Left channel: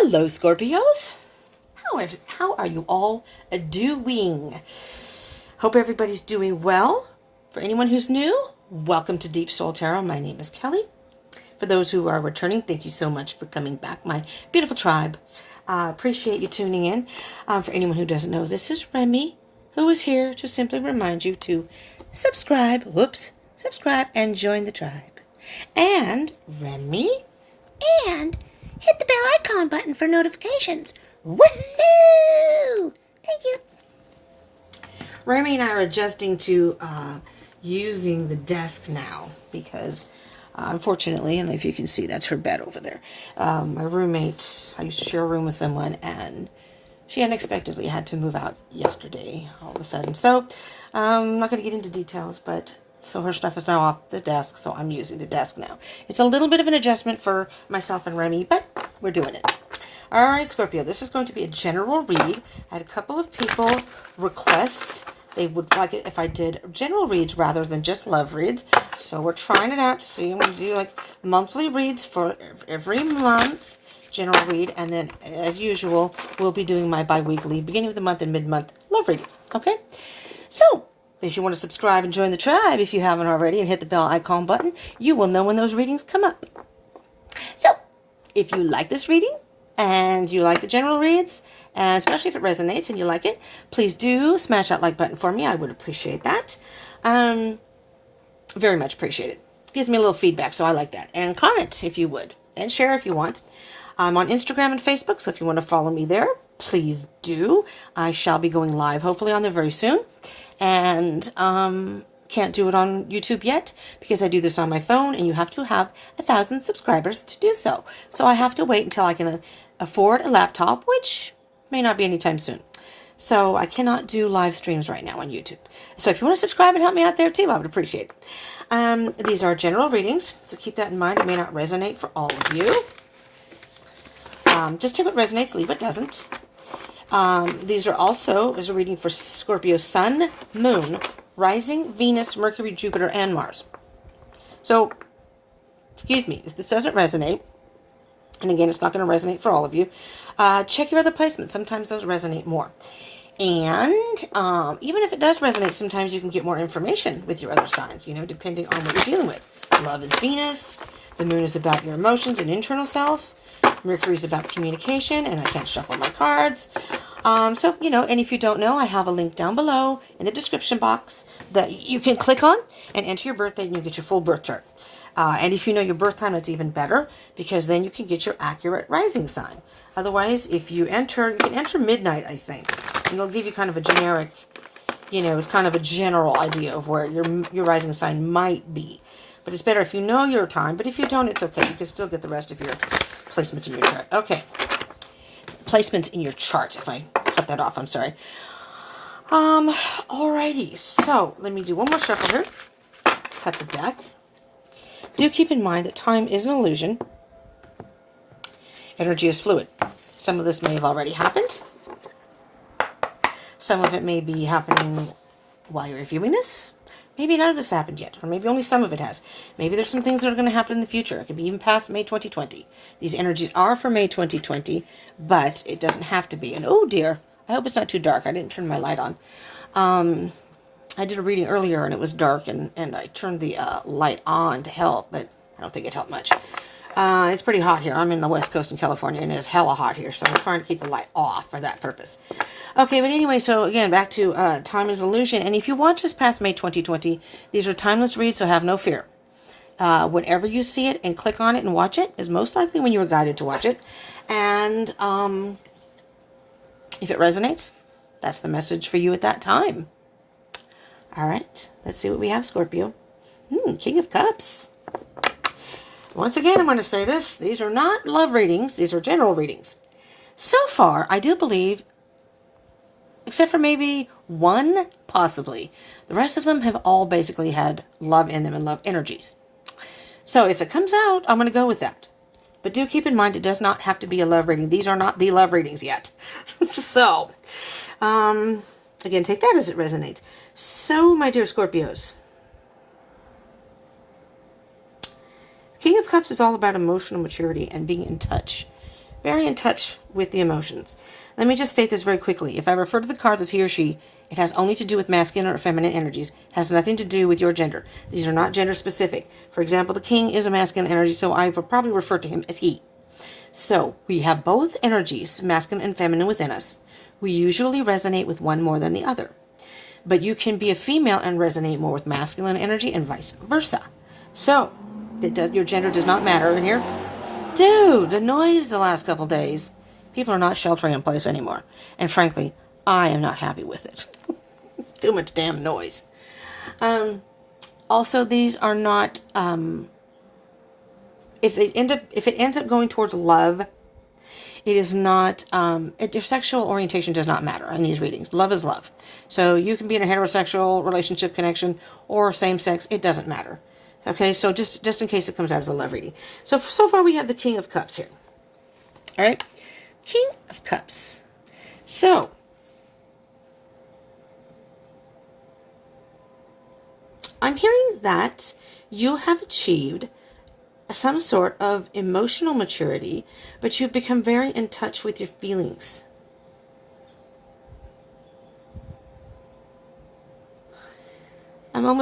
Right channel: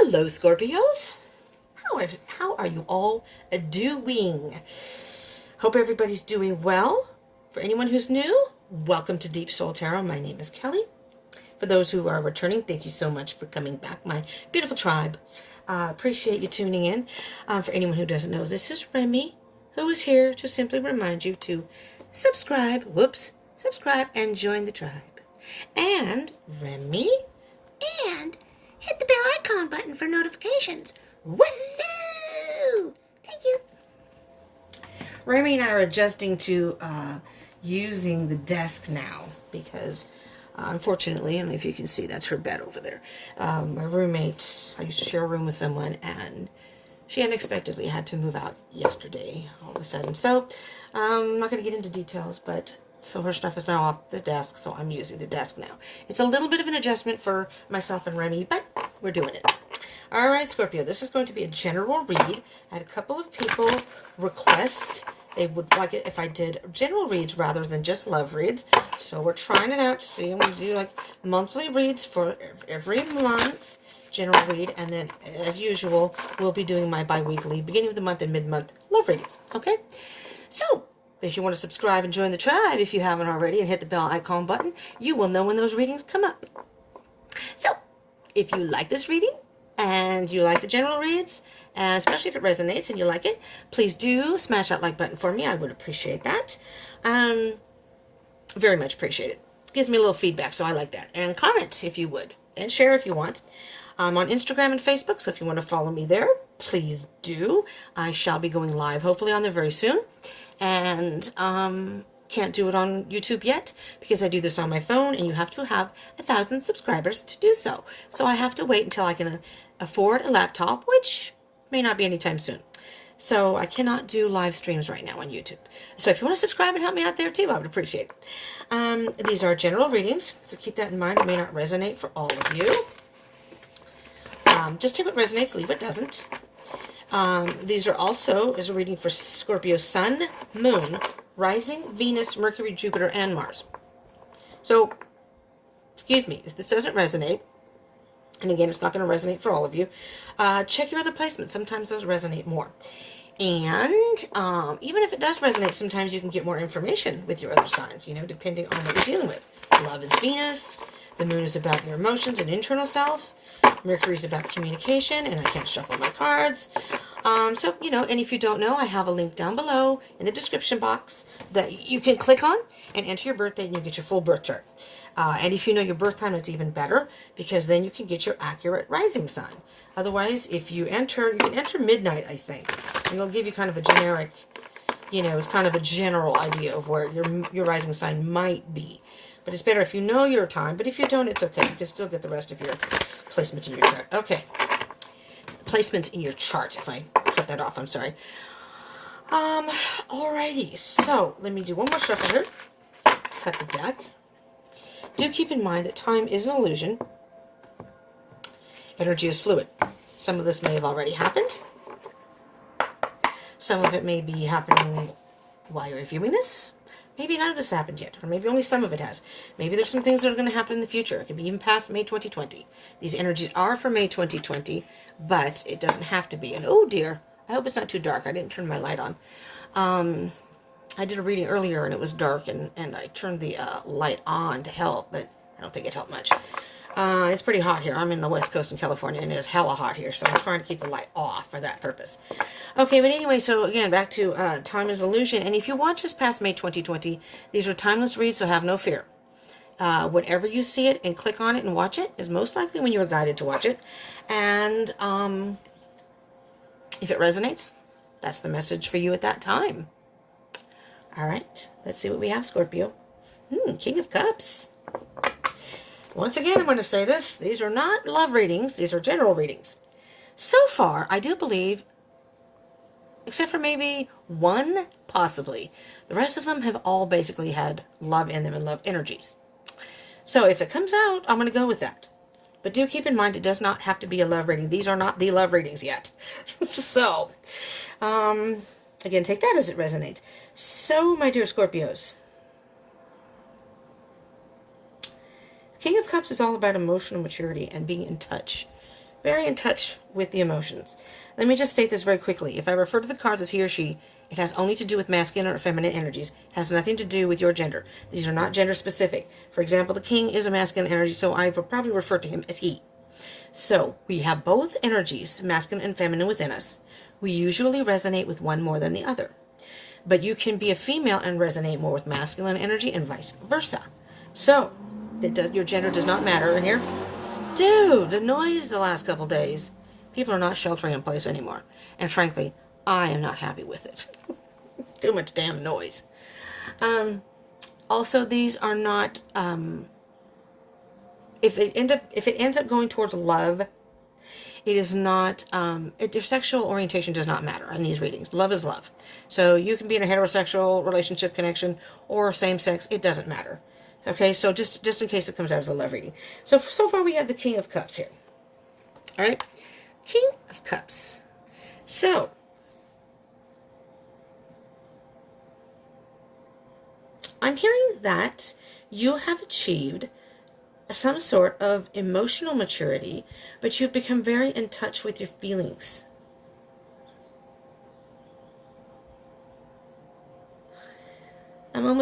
Hello, Scorpios. How are you all doing? Hope everybody's doing well. For anyone who's new, welcome to Deep Soul Tarot. My name is Kelly. For those who are returning, thank you so much for coming back, my beautiful tribe. Appreciate you tuning in. For anyone who doesn't know, this is Remy, who is here to simply remind you to subscribe, and join the tribe. And Remy, and hit the bell icon button for notifications. Woohoo! Thank you. Remy and I are adjusting to using the desk now because unfortunately, I don't know if you can see, that's her bed over there. My roommate, I used to share a room with someone, and she unexpectedly had to move out yesterday all of a sudden. So I'm not going to get into details, but so her stuff is now off the desk, so I'm using the desk now. It's a little bit of an adjustment for myself and Remy, but we're doing it. All right, Scorpio, this is going to be a general read. I had a couple of people request they would like it if I did general reads rather than just love reads. So we're trying it out to see. We do like monthly reads for every month, general read, and then as usual, we'll be doing my bi-weekly, beginning of the month and mid-month love readings. Okay? So if you want to subscribe and join the tribe, if you haven't already, and hit the bell icon button, you will know when those readings come up. So if you like this reading and you like the general reads, and especially if it resonates and you like it, please do smash that like button for me. I would appreciate that. Very much appreciate it. Gives me a little feedback, so I like that. And comment if you would, and share if you want. I'm on Instagram and Facebook, so if you want to follow me there, please do. I shall be going live, hopefully, on there very soon. And can't do it on YouTube yet because I do this on my phone, and you have to have 1,000 subscribers to do so. So I have to wait until I can afford a laptop, which may not be anytime soon. So I cannot do live streams right now on YouTube. So if you want to subscribe and help me out there too, I would appreciate it. These are general readings, so keep that in mind. It may not resonate for all of you. Just take what resonates, leave what doesn't. These are also is a reading for Scorpio Sun, Moon, Rising, Venus, Mercury, Jupiter, and Mars. So, excuse me, if this doesn't resonate, and again, it's not going to resonate for all of you, check your other placements. Sometimes those resonate more. And even if it does resonate, sometimes you can get more information with your other signs, depending on what you're dealing with. Love is Venus. The moon is about your emotions and internal self. Mercury is about communication, and I can't shuffle my cards. And if you don't know, I have a link down below in the description box that you can click on and enter your birthday, and you get your full birth chart. And if you know your birth time, it's even better, because then you can get your accurate rising sign. Otherwise, if you can enter midnight, I think. And it'll give you kind of a generic, it's kind of a general idea of where your rising sign might be. But it's better if you know your time. But if you don't, it's okay. You can still get the rest of your placements in your chart. Okay. Placements in your chart. If I cut that off, I'm sorry. Alrighty. So, let me do one more shuffle here. Cut the deck. Do keep in mind that time is an illusion. Energy is fluid. Some of this may have already happened. Some of it may be happening while you're viewing this. Maybe none of this happened yet, or maybe only some of it has. Maybe there's some things that are going to happen in the future. It could be even past May 2020. These energies are for May 2020, but it doesn't have to be. And oh dear, I hope it's not too dark. I didn't turn my light on. I did a reading earlier and it was dark, and I turned the light on to help, but I don't think it helped much. It's pretty hot here. I'm in the West Coast in California, and it's hella hot here, so I'm trying to keep the light off for that purpose. Okay, but anyway, so again, back to time is illusion. And if you watch this past May 2020, these are timeless reads, so have no fear. Whenever you see it and click on it and watch it is most likely when you were guided to watch it. And if it resonates, that's the message for you at that time. All right, let's see what we have, Scorpio. King of Cups. Once again, I'm going to say this. These are not love readings. These are general readings. So far, I do believe, except for maybe one, possibly, the rest of them have all basically had love in them and love energies. So if it comes out, I'm going to go with that. But do keep in mind, it does not have to be a love reading. These are not the love readings yet. So, again, take that as it resonates. So, my dear Scorpios, King of Cups is all about emotional maturity and being in touch very in touch with the emotions. Let me just state this very quickly. If I refer to the cards as he or she, it has only to do with masculine or feminine energies. It has nothing to do with your gender. These are not gender specific. For example, the king is a masculine energy, so I would probably refer to him as he. So we have both energies, masculine and feminine, within us. We usually resonate with one more than the other. But you can be a female and resonate more with masculine energy and vice versa. So your gender does not matter in here. Dude, the noise the last couple days. People are not sheltering in place anymore. And frankly, I am not happy with it. Too much damn noise. Also, these are not... if it ends up going towards love, it is not... your sexual orientation does not matter in these readings. Love is love. So you can be in a heterosexual relationship connection or same sex. It doesn't matter. Okay, so just in case it comes out as a love reading. So far we have the King of Cups here. All right, King of Cups. So, I'm hearing that you have achieved some sort of emotional maturity, but you've become very in touch with your feelings.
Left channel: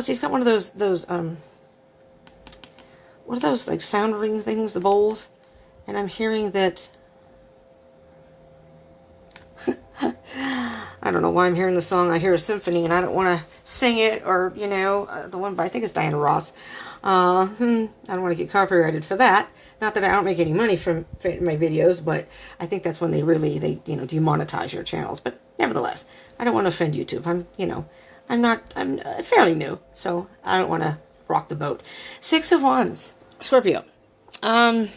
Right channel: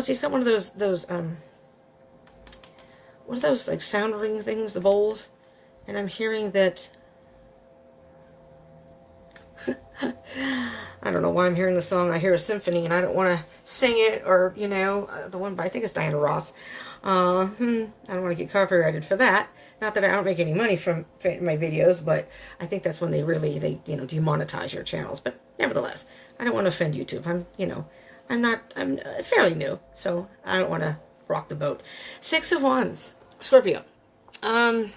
He's got one of those what are those, like, sound ring things, the bowls? And I'm hearing that... I don't know why I'm hearing the song. I hear a symphony, and I don't want to sing it, or, the one by, I think it's Diana Ross. I don't want to get copyrighted for that. Not that I don't make any money from my videos, but I think that's when they demonetize your channels. But nevertheless, I don't want to offend YouTube. I'm fairly new, so I don't want to rock the boat. Six of Wands, Scorpio. And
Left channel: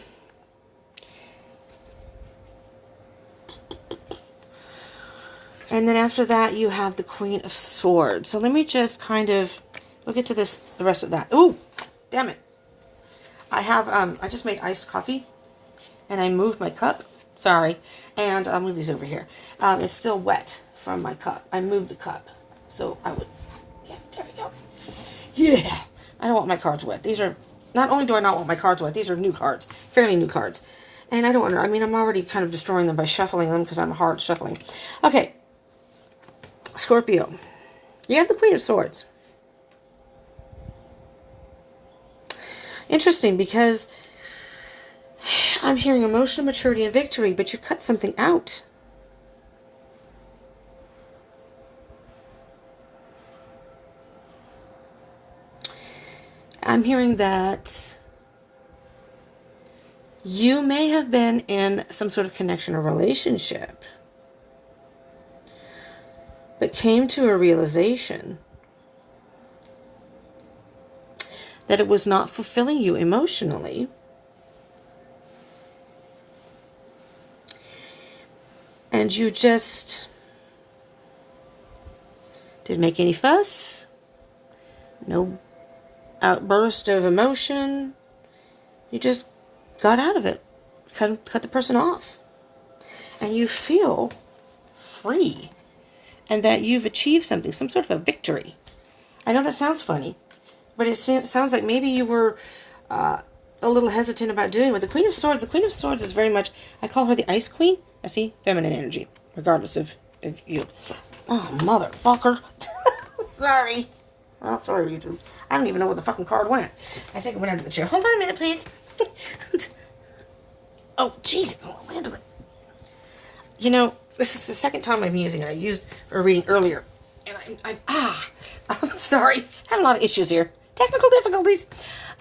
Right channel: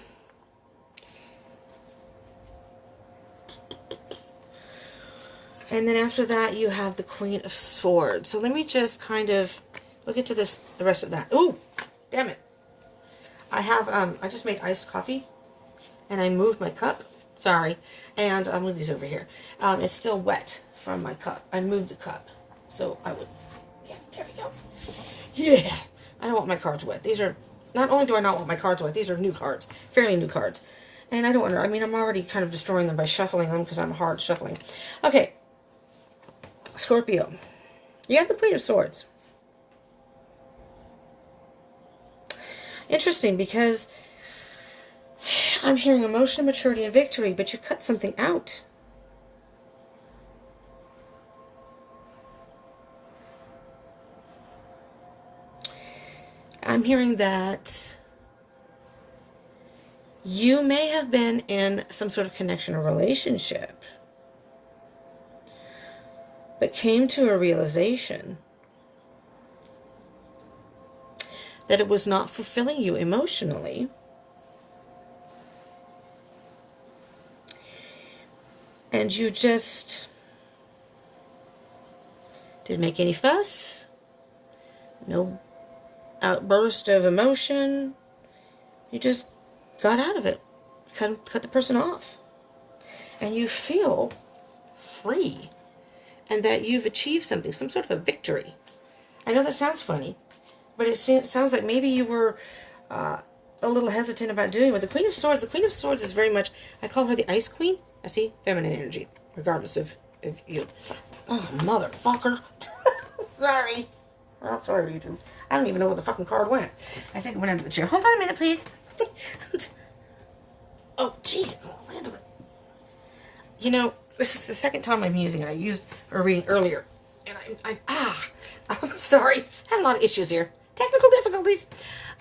then after that, you have the Queen of Swords. So let me just we'll get to the rest of that. Ooh, damn it. I have, I just made iced coffee, and I moved my cup. Sorry. And I'll move these over here. It's still wet from my cup. I moved the cup. So I would, yeah, there we go. Yeah. I don't want my cards wet. These are, not only do I not want my cards wet, these are new cards, fairly new cards. And I don't want to, I'm already kind of destroying them by shuffling them because I'm hard shuffling. Okay, Scorpio, you have the Queen of Swords. Interesting, because I'm hearing emotional maturity and victory, but you cut something out. I'm hearing that you may have been in some sort of connection or relationship, but came to a realization that it was not fulfilling you emotionally. And you just didn't make any fuss. No outburst of emotion. You just got out of it. Cut the person off. And you feel free. And that you've achieved something, some sort of a victory. I know that sounds funny, but it sounds like maybe you were a little hesitant about doing it. With the Queen of Swords, is very much, I call her the Ice Queen. I see feminine energy, regardless of you. Oh, motherfucker. Sorry. Well, sorry, YouTube. I don't even know where the fucking card went. I think it went under the chair. Hold on a minute, please. Oh, Jesus. I'll handle it. This is the second time I'm using it. I used a reading earlier. And I'm sorry. I have a lot of issues here. Technical difficulties.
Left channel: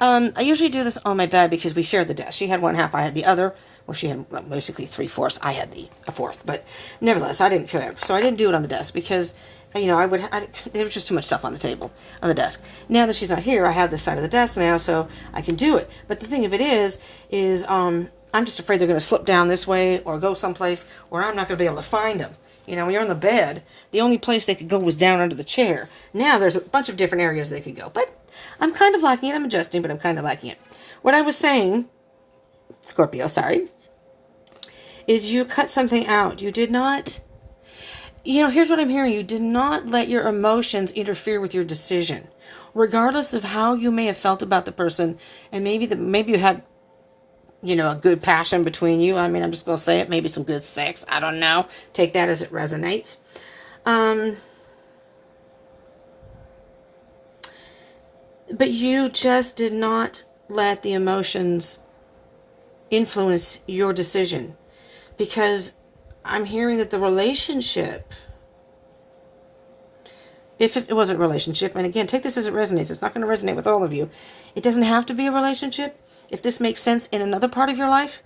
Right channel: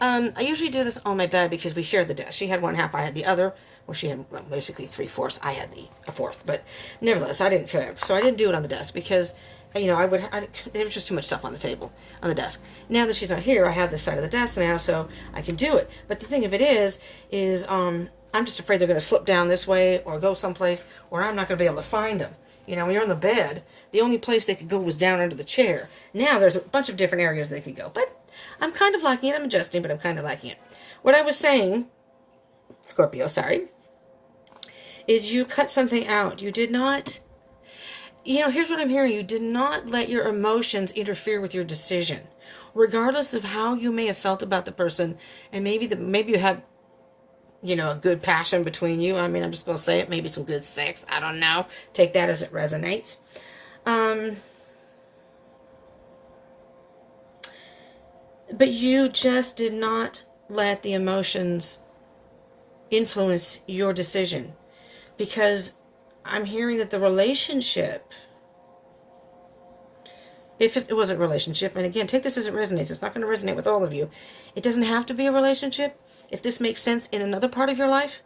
I usually do this on my bed because we shared the desk. She had one half, I had the other. Well, she had basically 3/4. I had a fourth. But nevertheless, I didn't care. So I didn't do it on the desk because... there was just too much stuff on the table, on the desk. Now that she's not here, I have this side of the desk now, so I can do it. But the thing of it is I'm just afraid they're going to slip down this way or go someplace where I'm not going to be able to find them. When you're on the bed, the only place they could go was down under the chair. Now there's a bunch of different areas they could go. But I'm kind of liking it. I'm adjusting, but I'm kind of liking it. What I was saying, Scorpio, sorry, is you cut something out. You did not... here's what I'm hearing. You did not let your emotions interfere with your decision. Regardless of how you may have felt about the person, and maybe you had a good passion between you. I mean, I'm just going to say it. Maybe some good sex. I don't know. Take that as it resonates. But you just did not let the emotions influence your decision. Because I'm hearing that the relationship, if it was a relationship, and again, take this as it resonates. It's not going to resonate with all of you. It doesn't have to be a relationship. If this makes sense in another part of your life,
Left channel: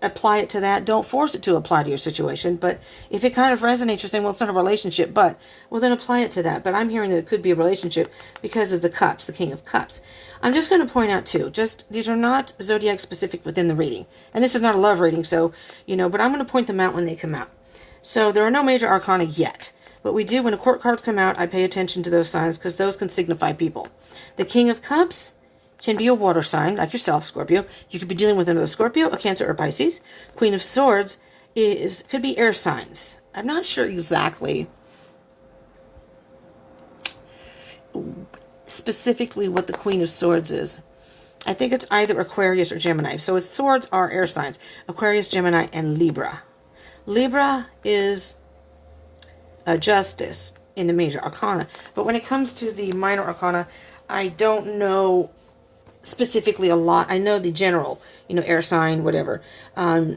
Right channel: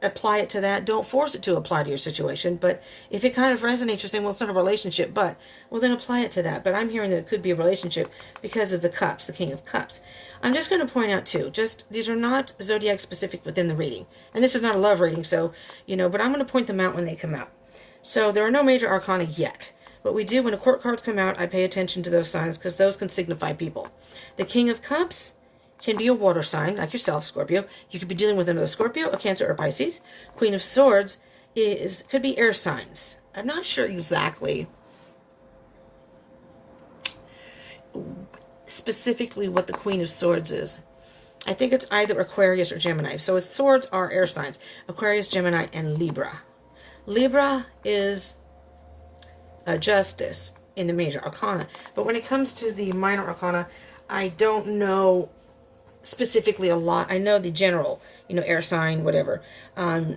apply it to that. Don't force it to apply to your situation. But if it kind of resonates, you're saying, well, it's not a relationship, but, well, then apply it to that. But I'm hearing that it could be a relationship because of the cups, the King of Cups. I'm just going to point out, too, these are not zodiac specific within the reading. And this is not a love reading, so, but I'm going to point them out when they come out. So there are no major arcana yet. But we do, when the court cards come out, I pay attention to those signs because those can signify people. The King of Cups can be a water sign, like yourself, Scorpio. You could be dealing with another Scorpio, a Cancer, or Pisces. Queen of Swords could be air signs. I'm not sure exactly specifically what the Queen of Swords is. I think it's either Aquarius or Gemini. So its swords are air signs. Aquarius, Gemini, and Libra. Libra is justice in the major arcana. But when it comes to the minor arcana, I don't know specifically a lot. I know the general, air sign, whatever. I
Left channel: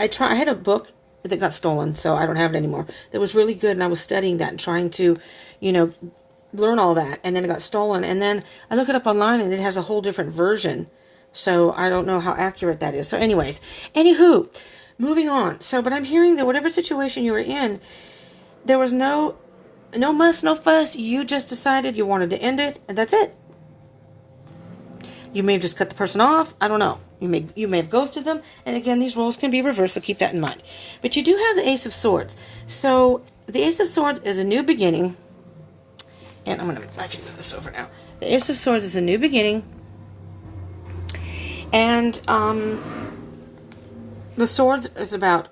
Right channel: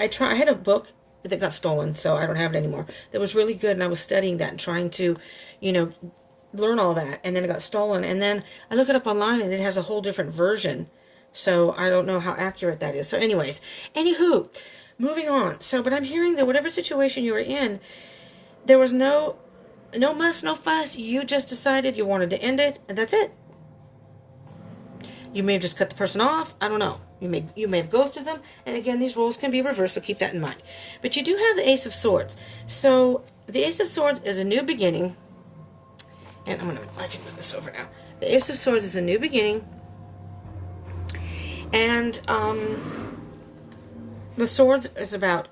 had a book that got stolen, so I don't have it anymore. That was really good, and I was studying that and trying to, learn all that. And then it got stolen. And then I look it up online, and it has a whole different version. So I don't know how accurate that is. So anyways, anywho, moving on. So, but I'm hearing that whatever situation you were in, there was no muss, no fuss. You just decided you wanted to end it, and that's it. You may have just cut the person off. I don't know. You may have ghosted them. And again, these roles can be reversed, so keep that in mind. But you do have the Ace of Swords. So the Ace of Swords is a new beginning. And I can move this over now. The Ace of Swords is a new beginning. And the Swords is about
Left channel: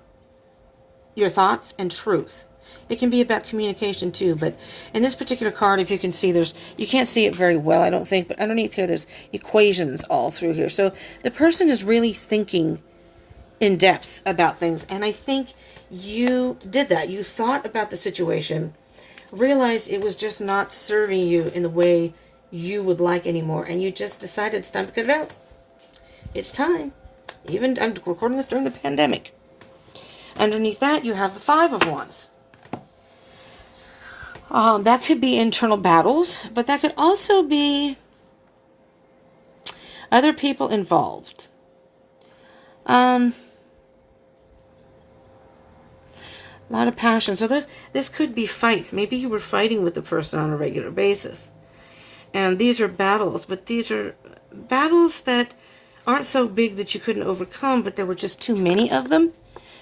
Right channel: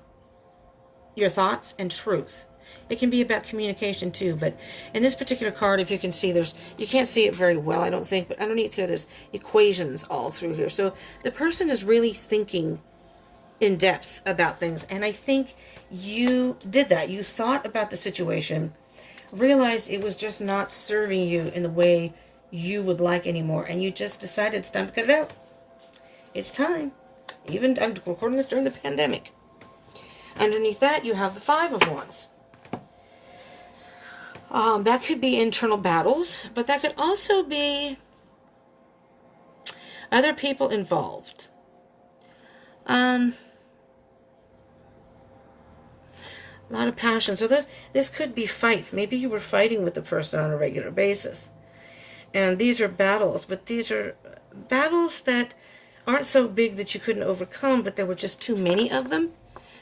your thoughts and truth. It can be about communication too, but in this particular card, if you can see, you can't see it very well, I don't think, but underneath here, there's equations all through here. So the person is really thinking in depth about things, and I think you did that. You thought about the situation, realized it was just not serving you in the way you would like anymore, and you just decided it's time to cut it out. It's time. Even, I'm recording this during the pandemic. Underneath that, you have the Five of Wands. That could be internal battles, but that could also be other people involved. A lot of passion. So this could be fights. Maybe you were fighting with the person on a regular basis. And these are battles, but these are battles that aren't so big that you couldn't overcome, but there were just too many of them.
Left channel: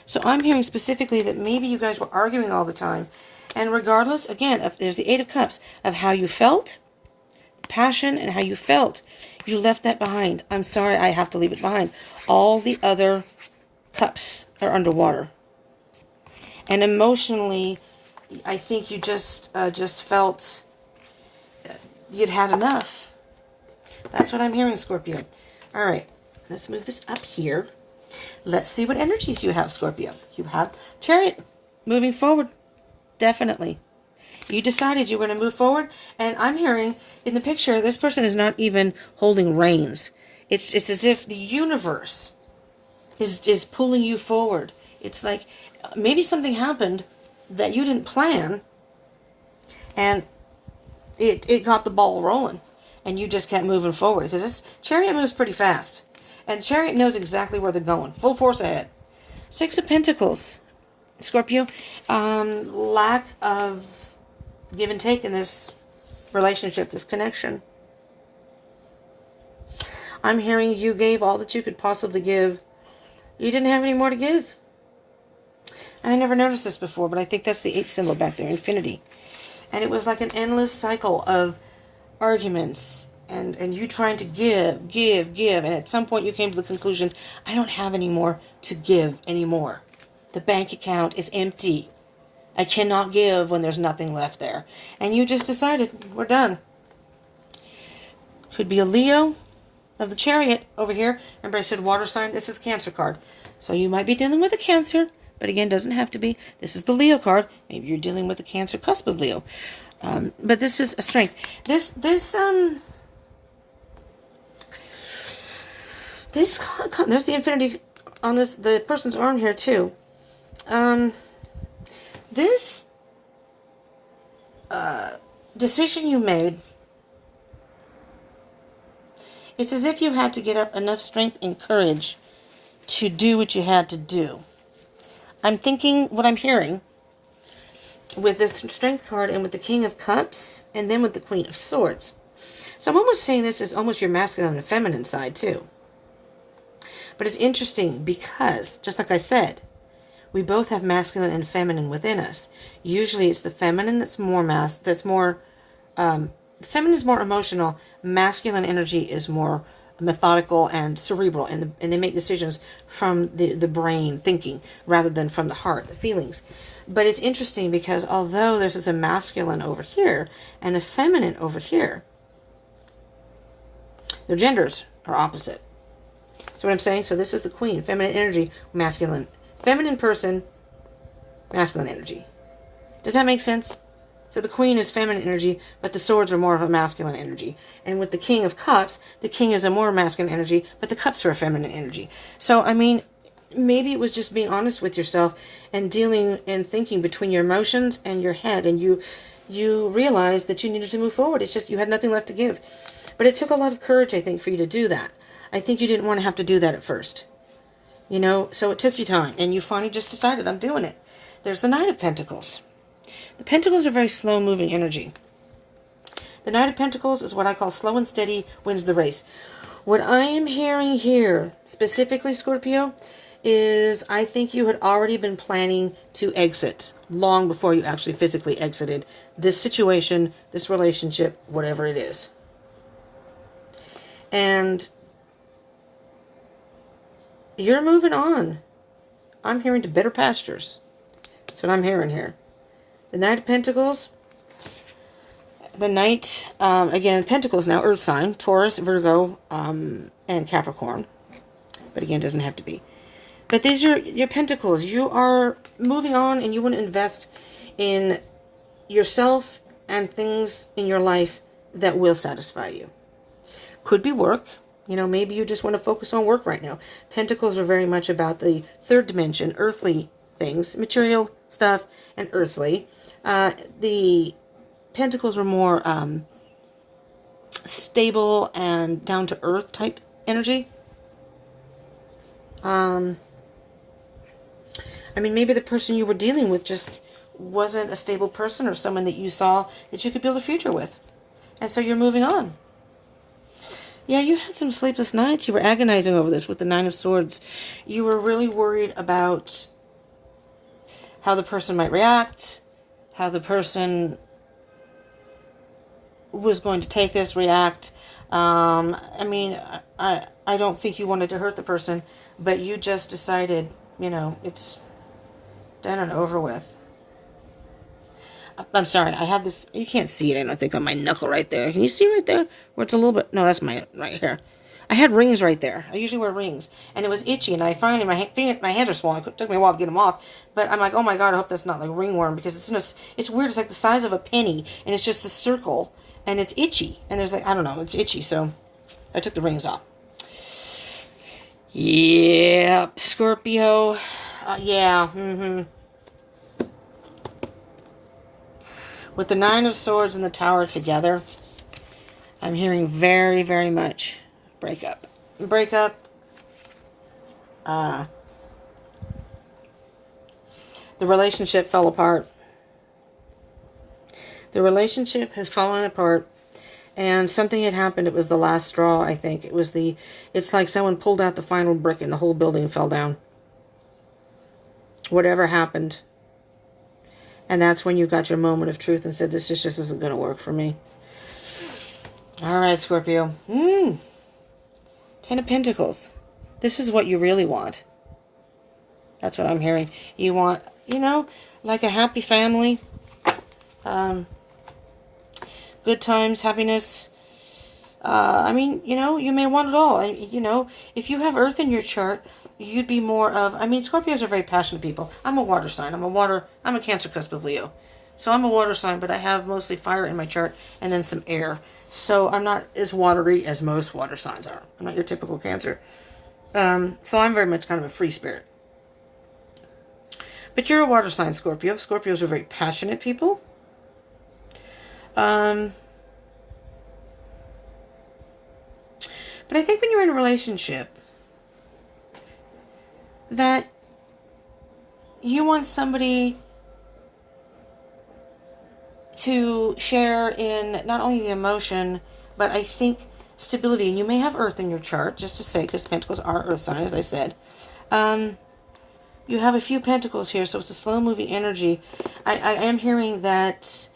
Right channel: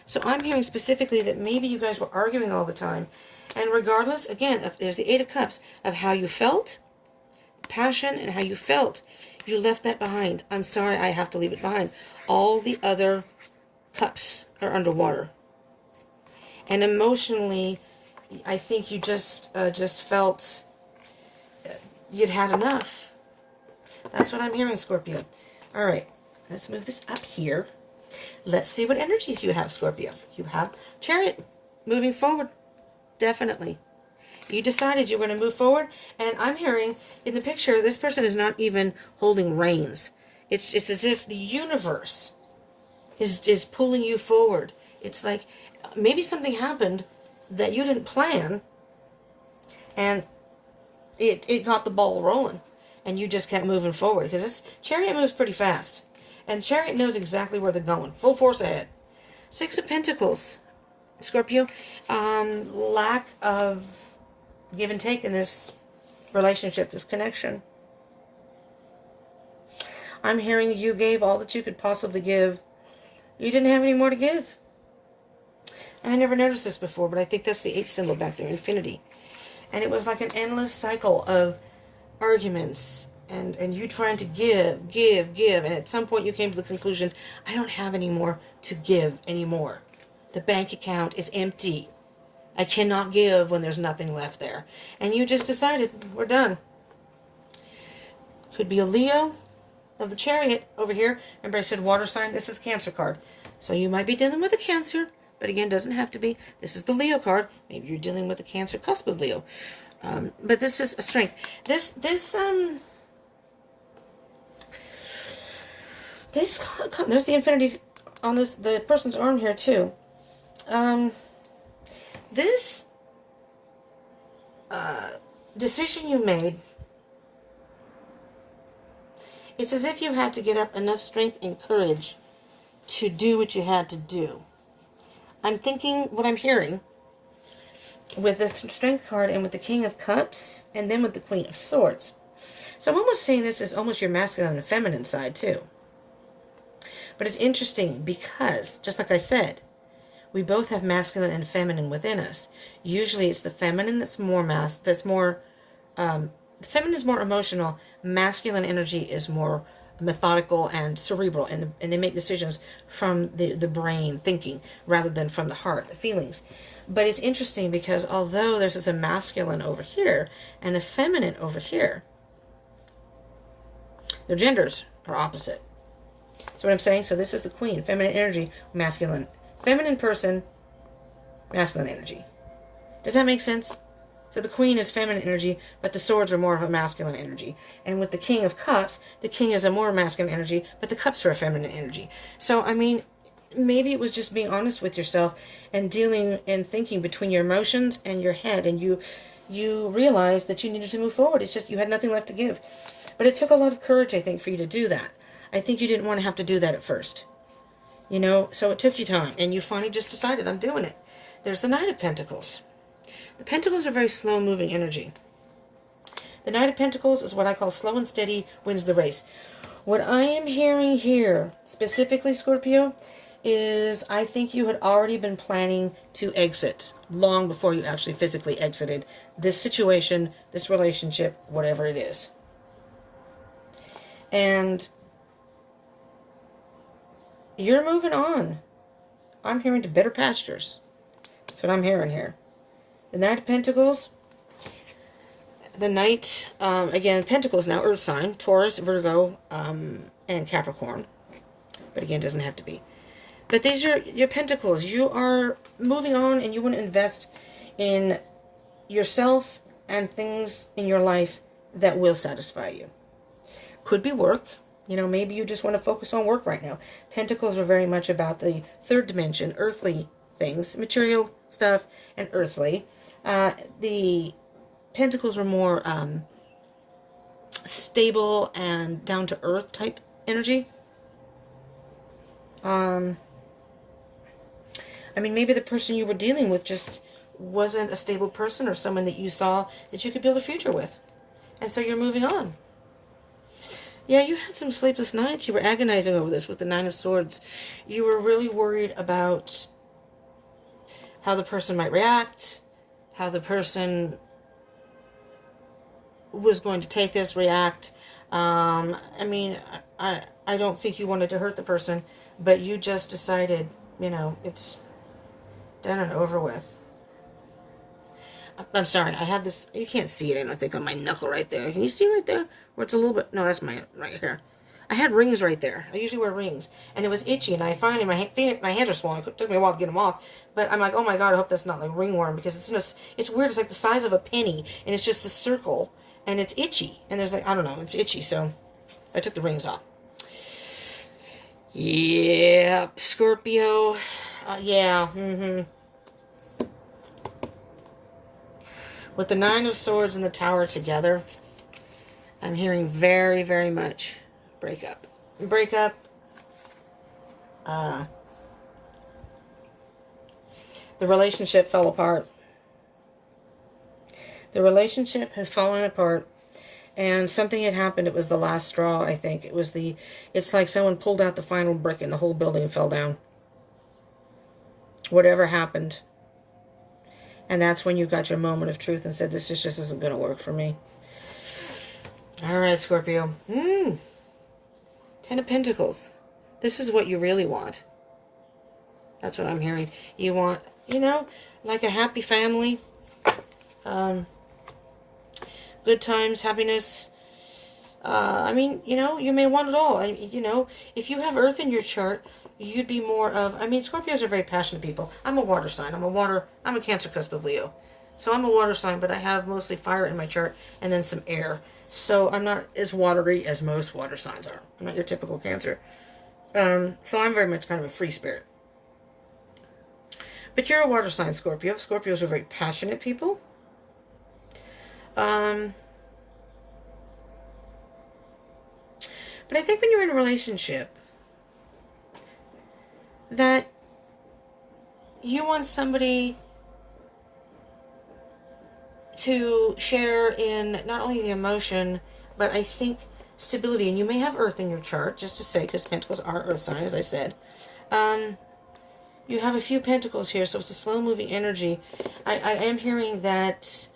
So I'm hearing specifically that maybe you guys were arguing all the time. And regardless, again, there's the Eight of Cups, of how you felt, passion, and how you felt, you left that behind. I'm sorry, I have to leave it behind. All the other cups are underwater. And emotionally, I think you just felt you'd had enough. That's what I'm hearing, Scorpio. All right, let's move this up here. Let's see what energies you have, Scorpio. You have Chariot, moving forward. Definitely. You decided you were going to move forward, and I'm hearing in the picture, this person is not even holding reins. It's as if the universe is pulling you forward. It's like maybe something happened that you didn't plan, and it got the ball rolling, and you just kept moving forward, because this Chariot moves pretty fast, and Chariot knows exactly where they're going, full force ahead. Six of Pentacles, Scorpio. Lack of give and take in this relationship, this connection. I'm hearing you gave all that you could possibly give. You didn't have any more to give. I never noticed this before, but I think that's the H symbol back there, infinity. And it was like an endless cycle of arguments and you trying to give. And at some point you came to the conclusion, I don't have any more to give anymore. The bank account is empty. I cannot give when there's nothing left there. And you just decided, we're done. Could be a Leo. of the Chariot over here. Remember I said water sign? This is Cancer card. So you might be dealing with a Cancer, but again, doesn't have to be. This is the Leo card. Maybe you're dealing with a Cancer cusp of Leo. But this is a strength. There's the infinity on the person's arm here too. This decision you made, it's as if you had to get up enough strength and courage to do what you had to do. I'm thinking, what I'm hearing, with this Strength card and with the King of Cups, and then with the Queen of Swords. So I'm almost saying this is almost your masculine and feminine side too. But it's interesting because, just like I said, we both have masculine and feminine within us. Usually it's the feminine that's more feminine is more emotional. Masculine energy is more methodical and cerebral, and they make decisions from the brain thinking rather than from the heart, the feelings. But it's interesting because although there's a masculine over here and a feminine over here, their genders are opposite. See what I'm saying? So this is the Queen, feminine energy, masculine. Feminine person, masculine energy. Does that make sense? So the Queen is feminine energy, but the swords are more of a masculine energy. And with the King of Cups, the King is a more masculine energy, but the Cups are a feminine energy. So, I mean, maybe it was just being honest with yourself and dealing and thinking between your emotions and your head, and you realized that you needed to move forward. It's just you had nothing left to give. But it took a lot of courage, I think, for you to do that. I think you didn't want to have to do that at first. You know, so it took you time, and you finally just decided, I'm doing it. There's the Knight of Pentacles. The Pentacles are very slow-moving energy. The Knight of Pentacles is what I call slow and steady wins the race. What I am hearing here, specifically, Scorpio, is I think you had already been planning to exit long before you actually physically exited this situation, this relationship, whatever it is. And you're moving on. I'm hearing to better pastures. That's what I'm hearing here. The Knight of Pentacles. The Knight, again, Pentacles now, Earth sign, Taurus, Virgo, and Capricorn. But again, it doesn't have to be. But these are your Pentacles. You are moving on, and you want to invest in yourself and things in your life that will satisfy you. Could be work. You know, maybe you just want to focus on work right now. Pentacles are very much about the third dimension, earthly things, material stuff, and earthly. The Pentacles are more stable and down-to-earth type energy. I mean, maybe the person you were dealing with just wasn't a stable person, or someone that you saw that you could build a future with. And so you're moving on. Yeah, you had some sleepless nights. You were agonizing over this with the Nine of Swords. You were really worried about how the person might react, how the person was going to take this, react. I mean, I don't think you wanted to hurt the person, but you just decided, you know, it's done and over with. I'm sorry, I have this, you can't see it, I don't think, on my knuckle right there. Can you see right there? Where it's a little bit, no, that's my right here. I had rings right there. I usually wear rings. And it was itchy, and I finally, my hands are swollen. It took me a while to get them off. But I'm like, oh my God, I hope that's not like ringworm, because it's weird. It's like the size of a penny, and it's just the circle, and it's itchy. And there's like, I don't know, it's itchy, so I took the rings off. Yep, Scorpio. Yeah, With the Nine of Swords and the Tower together, I'm hearing very, very much breakup. Breakup. The relationship fell apart. The relationship had fallen apart, and something had happened. It was the last straw, I think. It's like someone pulled out the final brick and the whole building fell down. Whatever happened. And that's when you got your moment of truth and said, this just isn't going to work for me. All right, Scorpio. Ten of Pentacles. This is what you really want. That's what I'm hearing. You want, you know, like a happy family. Good times, happiness. I mean, you may want it all. If you have Earth in your chart, you'd be more of, Scorpios are very passionate people. I'm a water sign. I'm a Cancer cusp of Leo. So I'm a water sign, but I have mostly fire in my chart and then some air. So I'm not as watery as most water signs are. I'm not your typical Cancer. So I'm very much kind of a free spirit. But you're a water sign, Scorpio. Scorpios are very passionate people. But I think when you're in a relationship, that you want somebody to share in not only the emotion, but I think stability. And you may have Earth in your chart, just to say, because Pentacles are Earth sign, as I said. You have a few Pentacles here, so it's a slow-moving energy. I am hearing that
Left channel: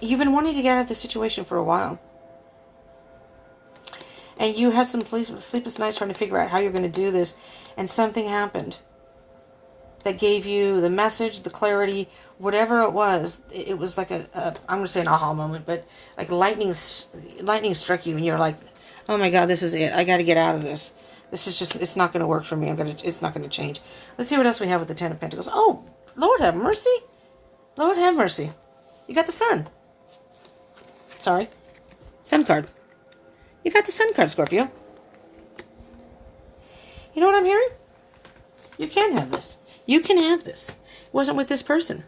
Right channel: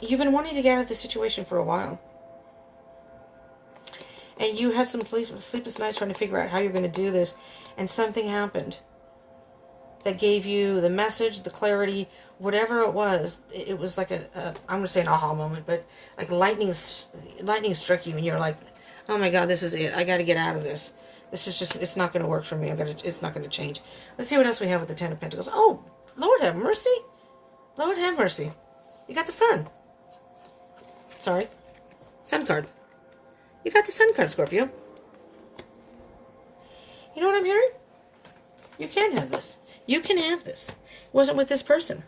you've been wanting to get out of the situation for a while. And you had some sleepless nights trying to figure out how you're going to do this. And something happened that gave you the message, the clarity, whatever it was. It was like I'm going to say an aha moment, but like lightning struck you and you're like, oh my God, this is it. I got to get out of this. This is just, it's not going to work for me. It's not going to change. Let's see what else we have with the Ten of Pentacles. Oh, Lord have mercy. Lord have mercy. You got the Sun. Sorry. Sun card. You got the Sun card, Scorpio. You know what I'm hearing? You can have this. You can have this. It wasn't with this person.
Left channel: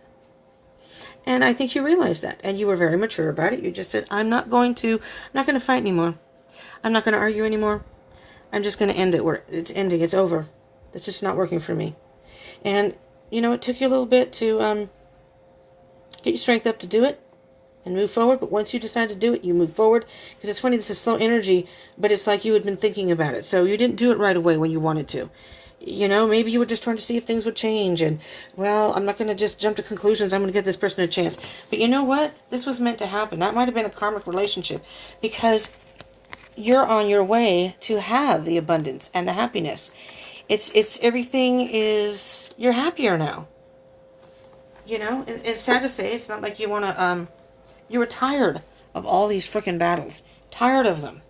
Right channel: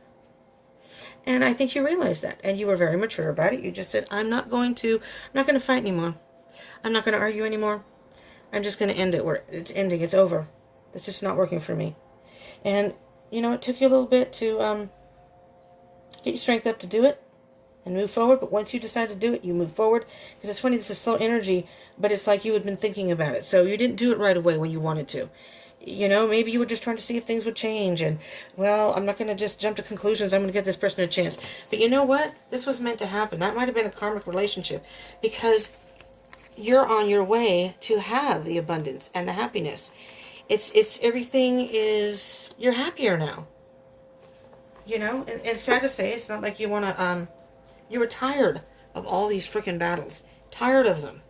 And I think you realized that. And you were very mature about it. You just said, I'm not going to fight anymore. I'm not going to argue anymore. I'm just going to end it where it's ending. It's over. It's just not working for me. And, it took you a little bit to get your strength up to do it and move forward. But once you decide to do it, you move forward. Because it's funny, this is slow energy, but it's like you had been thinking about it. So you didn't do it right away when you wanted to. Maybe you were just trying to see if things would change. And, well, I'm not going to just jump to conclusions. I'm going to give this person a chance. But you know what? This was meant to happen. That might have been a karmic relationship. Because you're on your way to have the abundance and the happiness. It's everything is, you're happier now. It's sad to say, it's not like you want to, you were tired of all these freaking battles. Tired of them.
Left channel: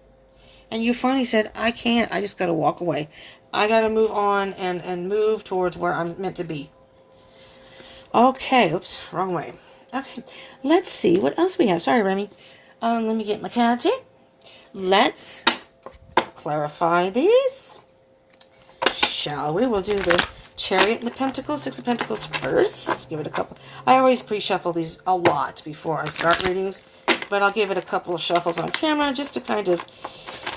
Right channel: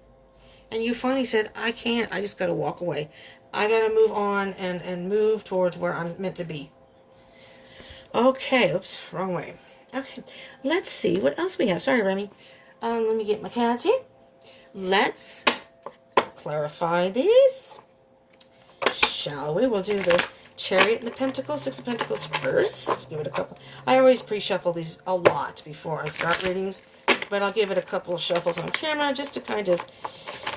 And you finally said, I can't, I just got to walk away. I got to move on and move towards where I'm meant to be. Okay, oops, wrong way. Okay, let's see what else we have. Sorry, Remy. Let me get my cards here. Let's clarify these, shall we? We'll do the Chariot and the Pentacles, Six of Pentacles first. Give it a couple. I always pre-shuffle these a lot before I start readings, but I'll give it a couple of shuffles on camera just to kind of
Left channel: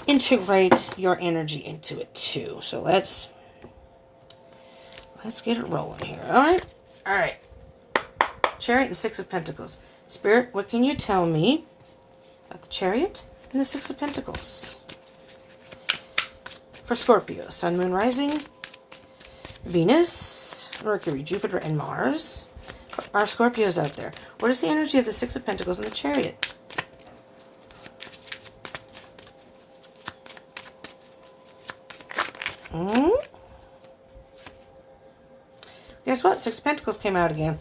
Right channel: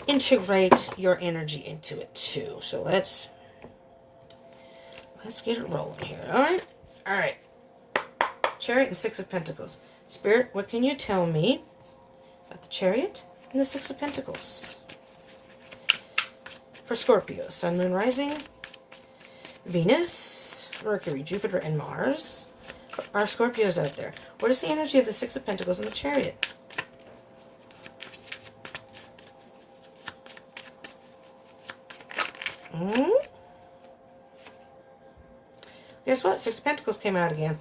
integrate your energy into it too. So let's get it rolling here. All right. Chariot and Six of Pentacles. Spirit, what can you tell me about the Chariot and the Six of Pentacles for Scorpio? Sun, Moon, Rising, Venus, Mercury, Jupiter, and Mars. Are Scorpios out there? What is the energy of the Six of Pentacles and the Chariot? Guess what? Six of Pentacles came out again.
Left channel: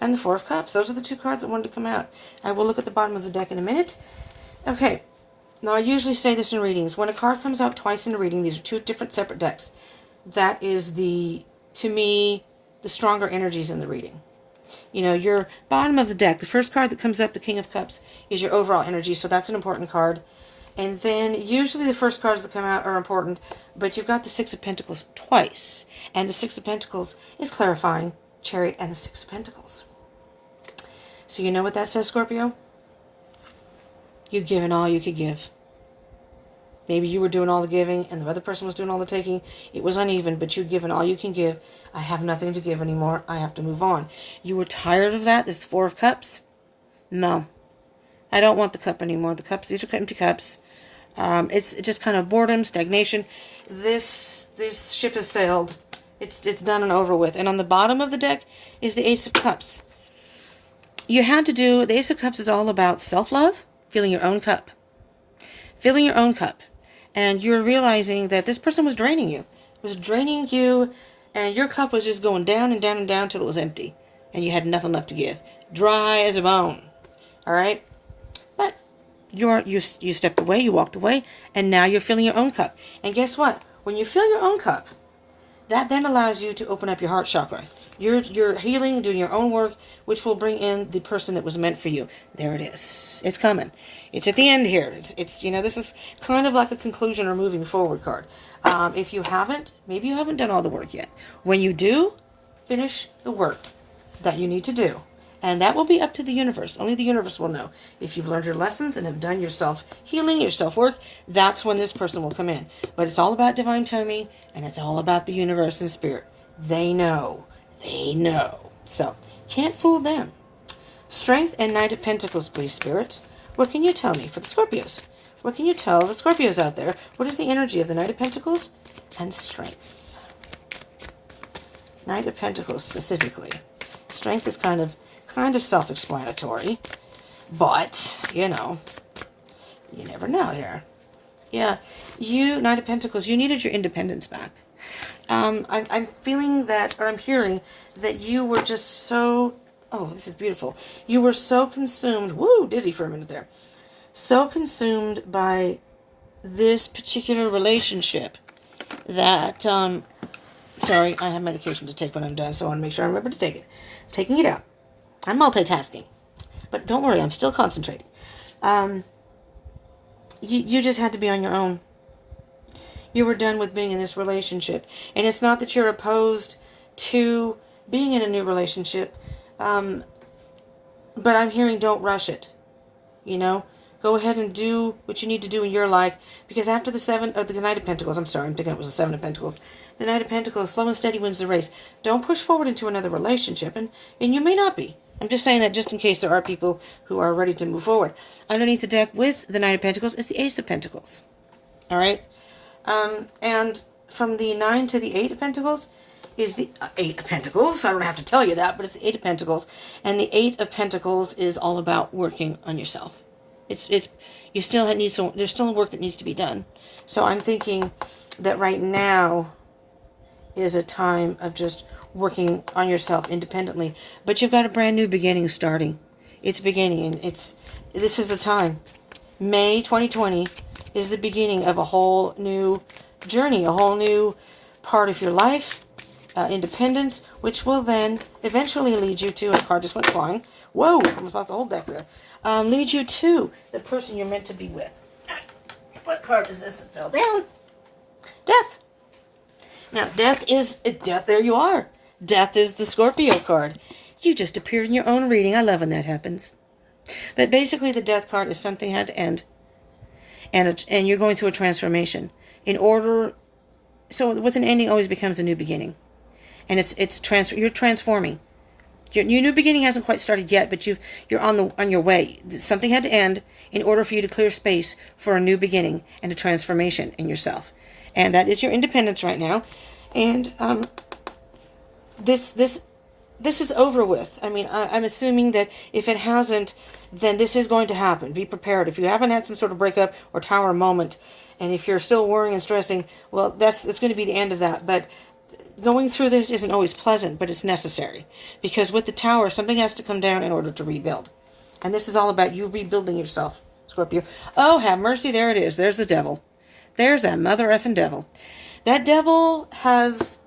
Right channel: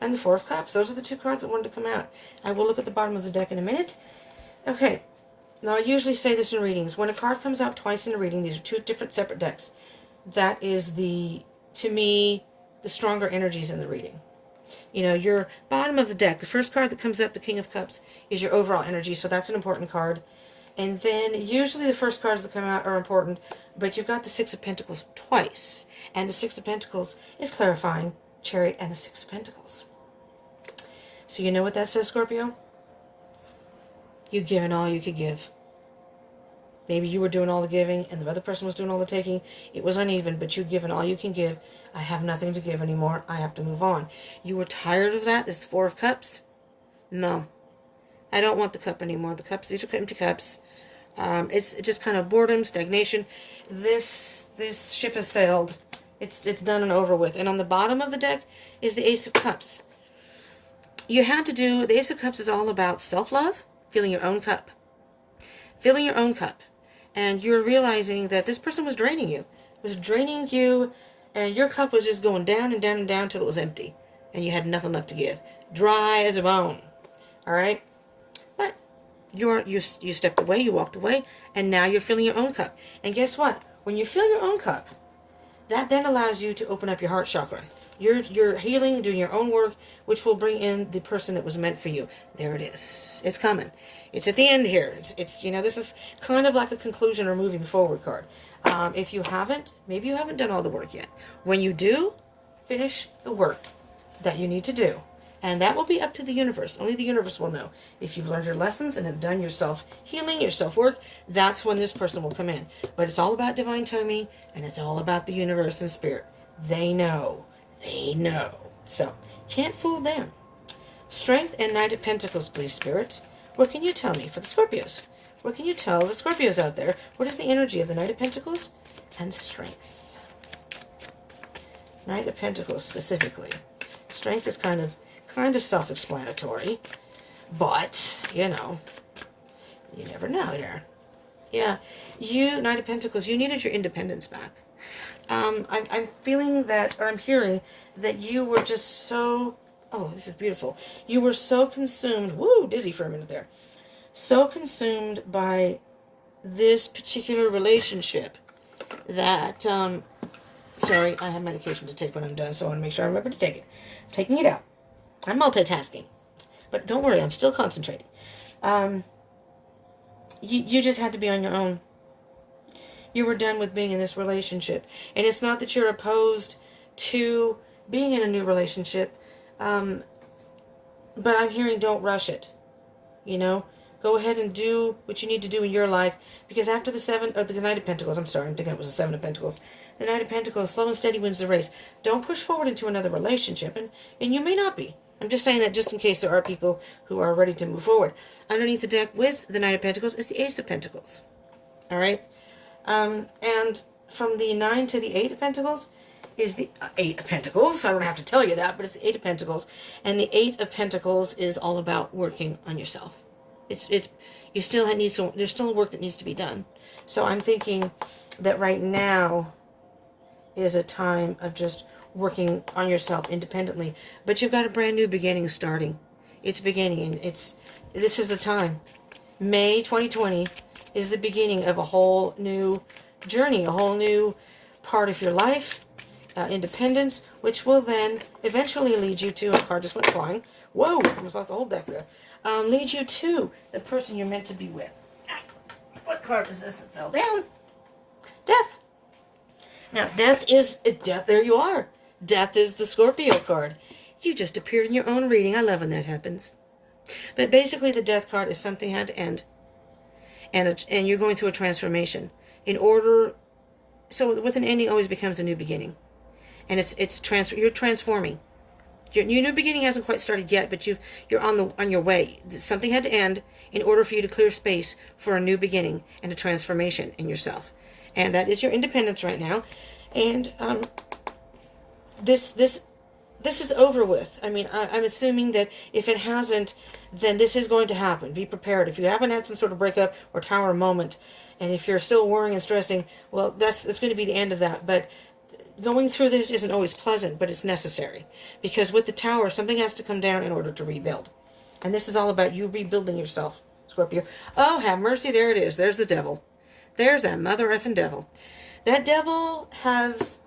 And the Four of Cups. Those are the two cards that wanted to come out. And we'll look at the bottom of the deck in a minute. Okay. Now, I usually say this in readings. When a card comes out twice in a reading, these are two different separate decks. That is to me, the stronger energies in the reading. Your bottom of the deck, the first card that comes up, the King of Cups, is your overall energy. So that's an important card. And then usually the first cards that come out are important. But you've got the Six of Pentacles twice. And the Six of Pentacles is clarifying Chariot and the Six of Pentacles. So you know what that says, Scorpio? You've given all you could give. Maybe you were doing all the giving and the other person was doing all the taking. It was uneven, but you've given all you can give. I have nothing to give anymore. I have to move on. You were tired of that? This Four of Cups? No. I don't want the cup anymore. The cups, these are empty cups. It's just kind of boredom, stagnation. This ship has sailed. It's done and over with. And on the bottom of the deck is the Ace of Cups. You had to do, the Ace of Cups is all about self-love, filling your own cup. Filling your own cup. And you're realizing that this person was draining you. Was draining you, and your cup was just going down and down and down till it was empty. And you had nothing left to give. Dry as a bone. All right? But you stepped away, you walked away, and now you're filling your own cup. And guess what? When you fill your own cup, that then allows you to open up your heart chakra. You're healing, doing your own work, which will bring in the person that was meant for you. There it is. It's coming. It's at the end here. It's this is kind of like a conclusion or moving forward card. If you haven't, maybe you haven't done all the work yet. When you do, finish the work that you need to do. And that will be up to the universe. Only the universe will know. If you've learned your lessons and have done your self-healing, your self-work, that's when this person will come in. But it's all about divine timing, and it's all about the universe and spirit. They know. They know. So, can't fool them. Strength and Knight of Pentacles, please, Spirit. What can you tell me for the Scorpios? What can you tell the Scorpios out there? What is the energy of the Knight of Pentacles and strength? Knight of Pentacles, specifically. Strength is kind of self-explanatory, but, you never know here. Yeah, you, Knight of Pentacles, you needed your independence back. I'm feeling that, or I'm hearing that you were just so, oh, this is beautiful. You were so consumed, woo, dizzy for a minute there. So consumed by this particular relationship that, sorry, I have medication to take when I'm done, so I want to make sure I remember to take it. I'm taking it out. I'm multitasking. But don't worry, I'm still concentrating. You just had to be on your own. You were done with being in this relationship. And it's not that you're opposed to being in a new relationship. But I'm hearing don't rush it. Go ahead and do what you need to do in your life. Because after the Knight of Pentacles, I'm sorry, I'm thinking it was the Seven of Pentacles. The Knight of Pentacles, slow and steady wins the race. Don't push forward into another relationship. And you may not be. I'm just saying that just in case there are people who are ready to move forward. Underneath the deck with the Knight of Pentacles is the Ace of Pentacles. All right? And from the 9 to the 8 of Pentacles is the 8 of Pentacles. I don't have to tell you that, but it's the 8 of Pentacles. And the 8 of Pentacles is all about working on yourself. You still need some, there's still work that needs to be done. So I'm thinking that right now is a time of just working on yourself independently. But you've got a brand new beginning starting. It's beginning, and this is the time. May 2020 is the beginning of a whole new journey, a whole new part of your life, independence, which will then eventually lead you to, a card just went flying. Whoa, almost lost the whole deck there. Lead you to the person you're meant to be with. What card is this that fell down? Death. Now, death, there you are. Death is the Scorpio card. You just appear in your own reading. I love when that happens. But basically, the death card is something had to end. And you're going through a transformation. So with an ending always becomes a new beginning. And you're transforming. Your new beginning hasn't quite started yet, but you're on your way. Something had to end in order for you to clear space for a new beginning and a transformation in yourself. And that is your independence right now. And this is over with. I mean, I'm assuming that if it hasn't, then this is going to happen. Be prepared. If you haven't had some sort of breakup or tower moment, and if you're still worrying and stressing, well, that's going to be the end of that. But going through this isn't always pleasant, but it's necessary. Because with the tower, something has to come down in order to rebuild. And this is all about you rebuilding yourself, Scorpio. Oh, have mercy. There it is. There's the devil. There's that mother effing devil. That devil has...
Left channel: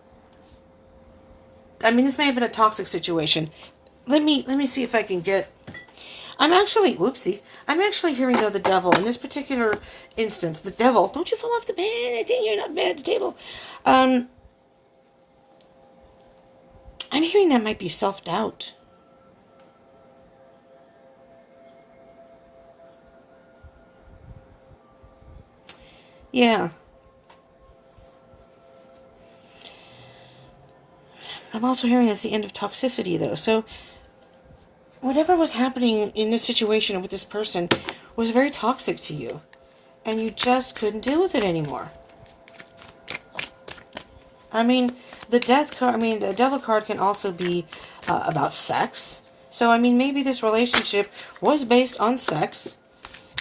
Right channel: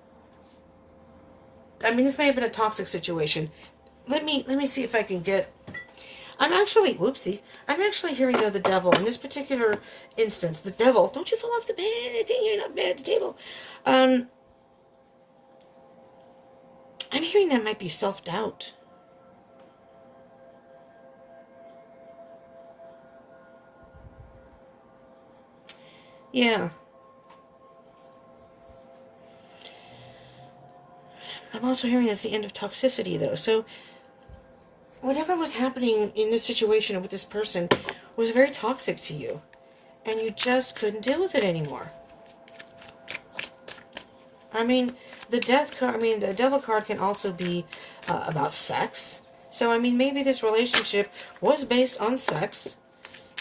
I mean, this may have been a toxic situation. Let me see if I can get... whoopsies. I'm actually hearing, though, the devil. In this particular instance, the devil... Don't you fall off the bed. I think you're not bad at the table. I'm hearing that might be self-doubt. Yeah. I'm also hearing it's the end of toxicity, though. So, whatever was happening in this situation with this person was very toxic to you. And you just couldn't deal with it anymore. I mean, the devil card can also be about sex. So, I mean, maybe this relationship was based on sex.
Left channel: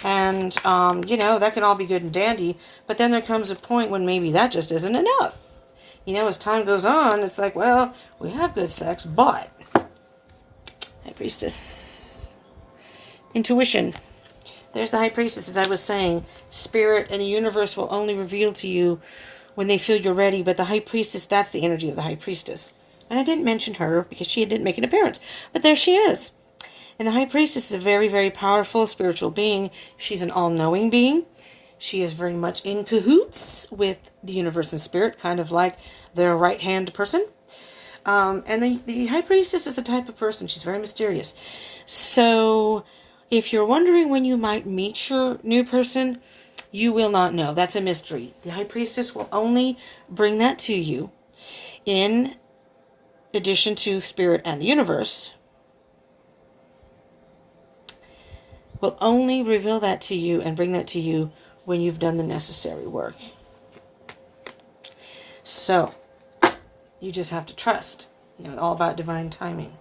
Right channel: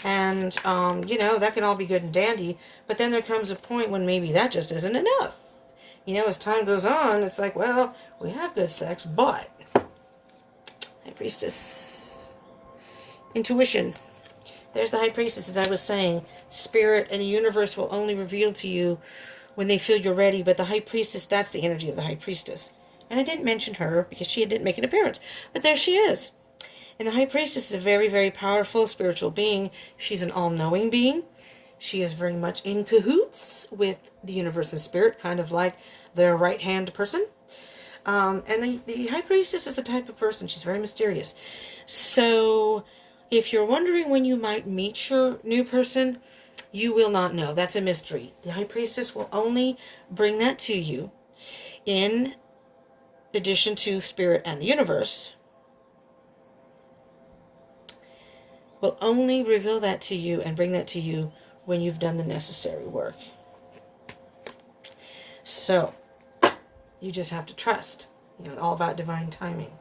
And, that can all be good and dandy. But then there comes a point when maybe that just isn't enough. As time goes on, it's like, well, we have good sex, but... High Priestess. Intuition. There's the High Priestess, as I was saying. Spirit and the universe will only reveal to you when they feel you're ready. But the High Priestess, that's the energy of the High Priestess. And I didn't mention her because she didn't make an appearance. But there she is. And the High Priestess is a very, very powerful spiritual being. She's an all-knowing being. She is very much in cahoots with the universe and spirit, kind of like their right-hand person. And the High Priestess is the type of person, she's very mysterious. So if you're wondering when you might meet your new person, you will not know. That's a mystery. The High Priestess will only bring that to you in addition to spirit and the universe. Will only reveal that to you and bring that to you when you've done the necessary work. So, you just have to trust. You know, all about divine timing.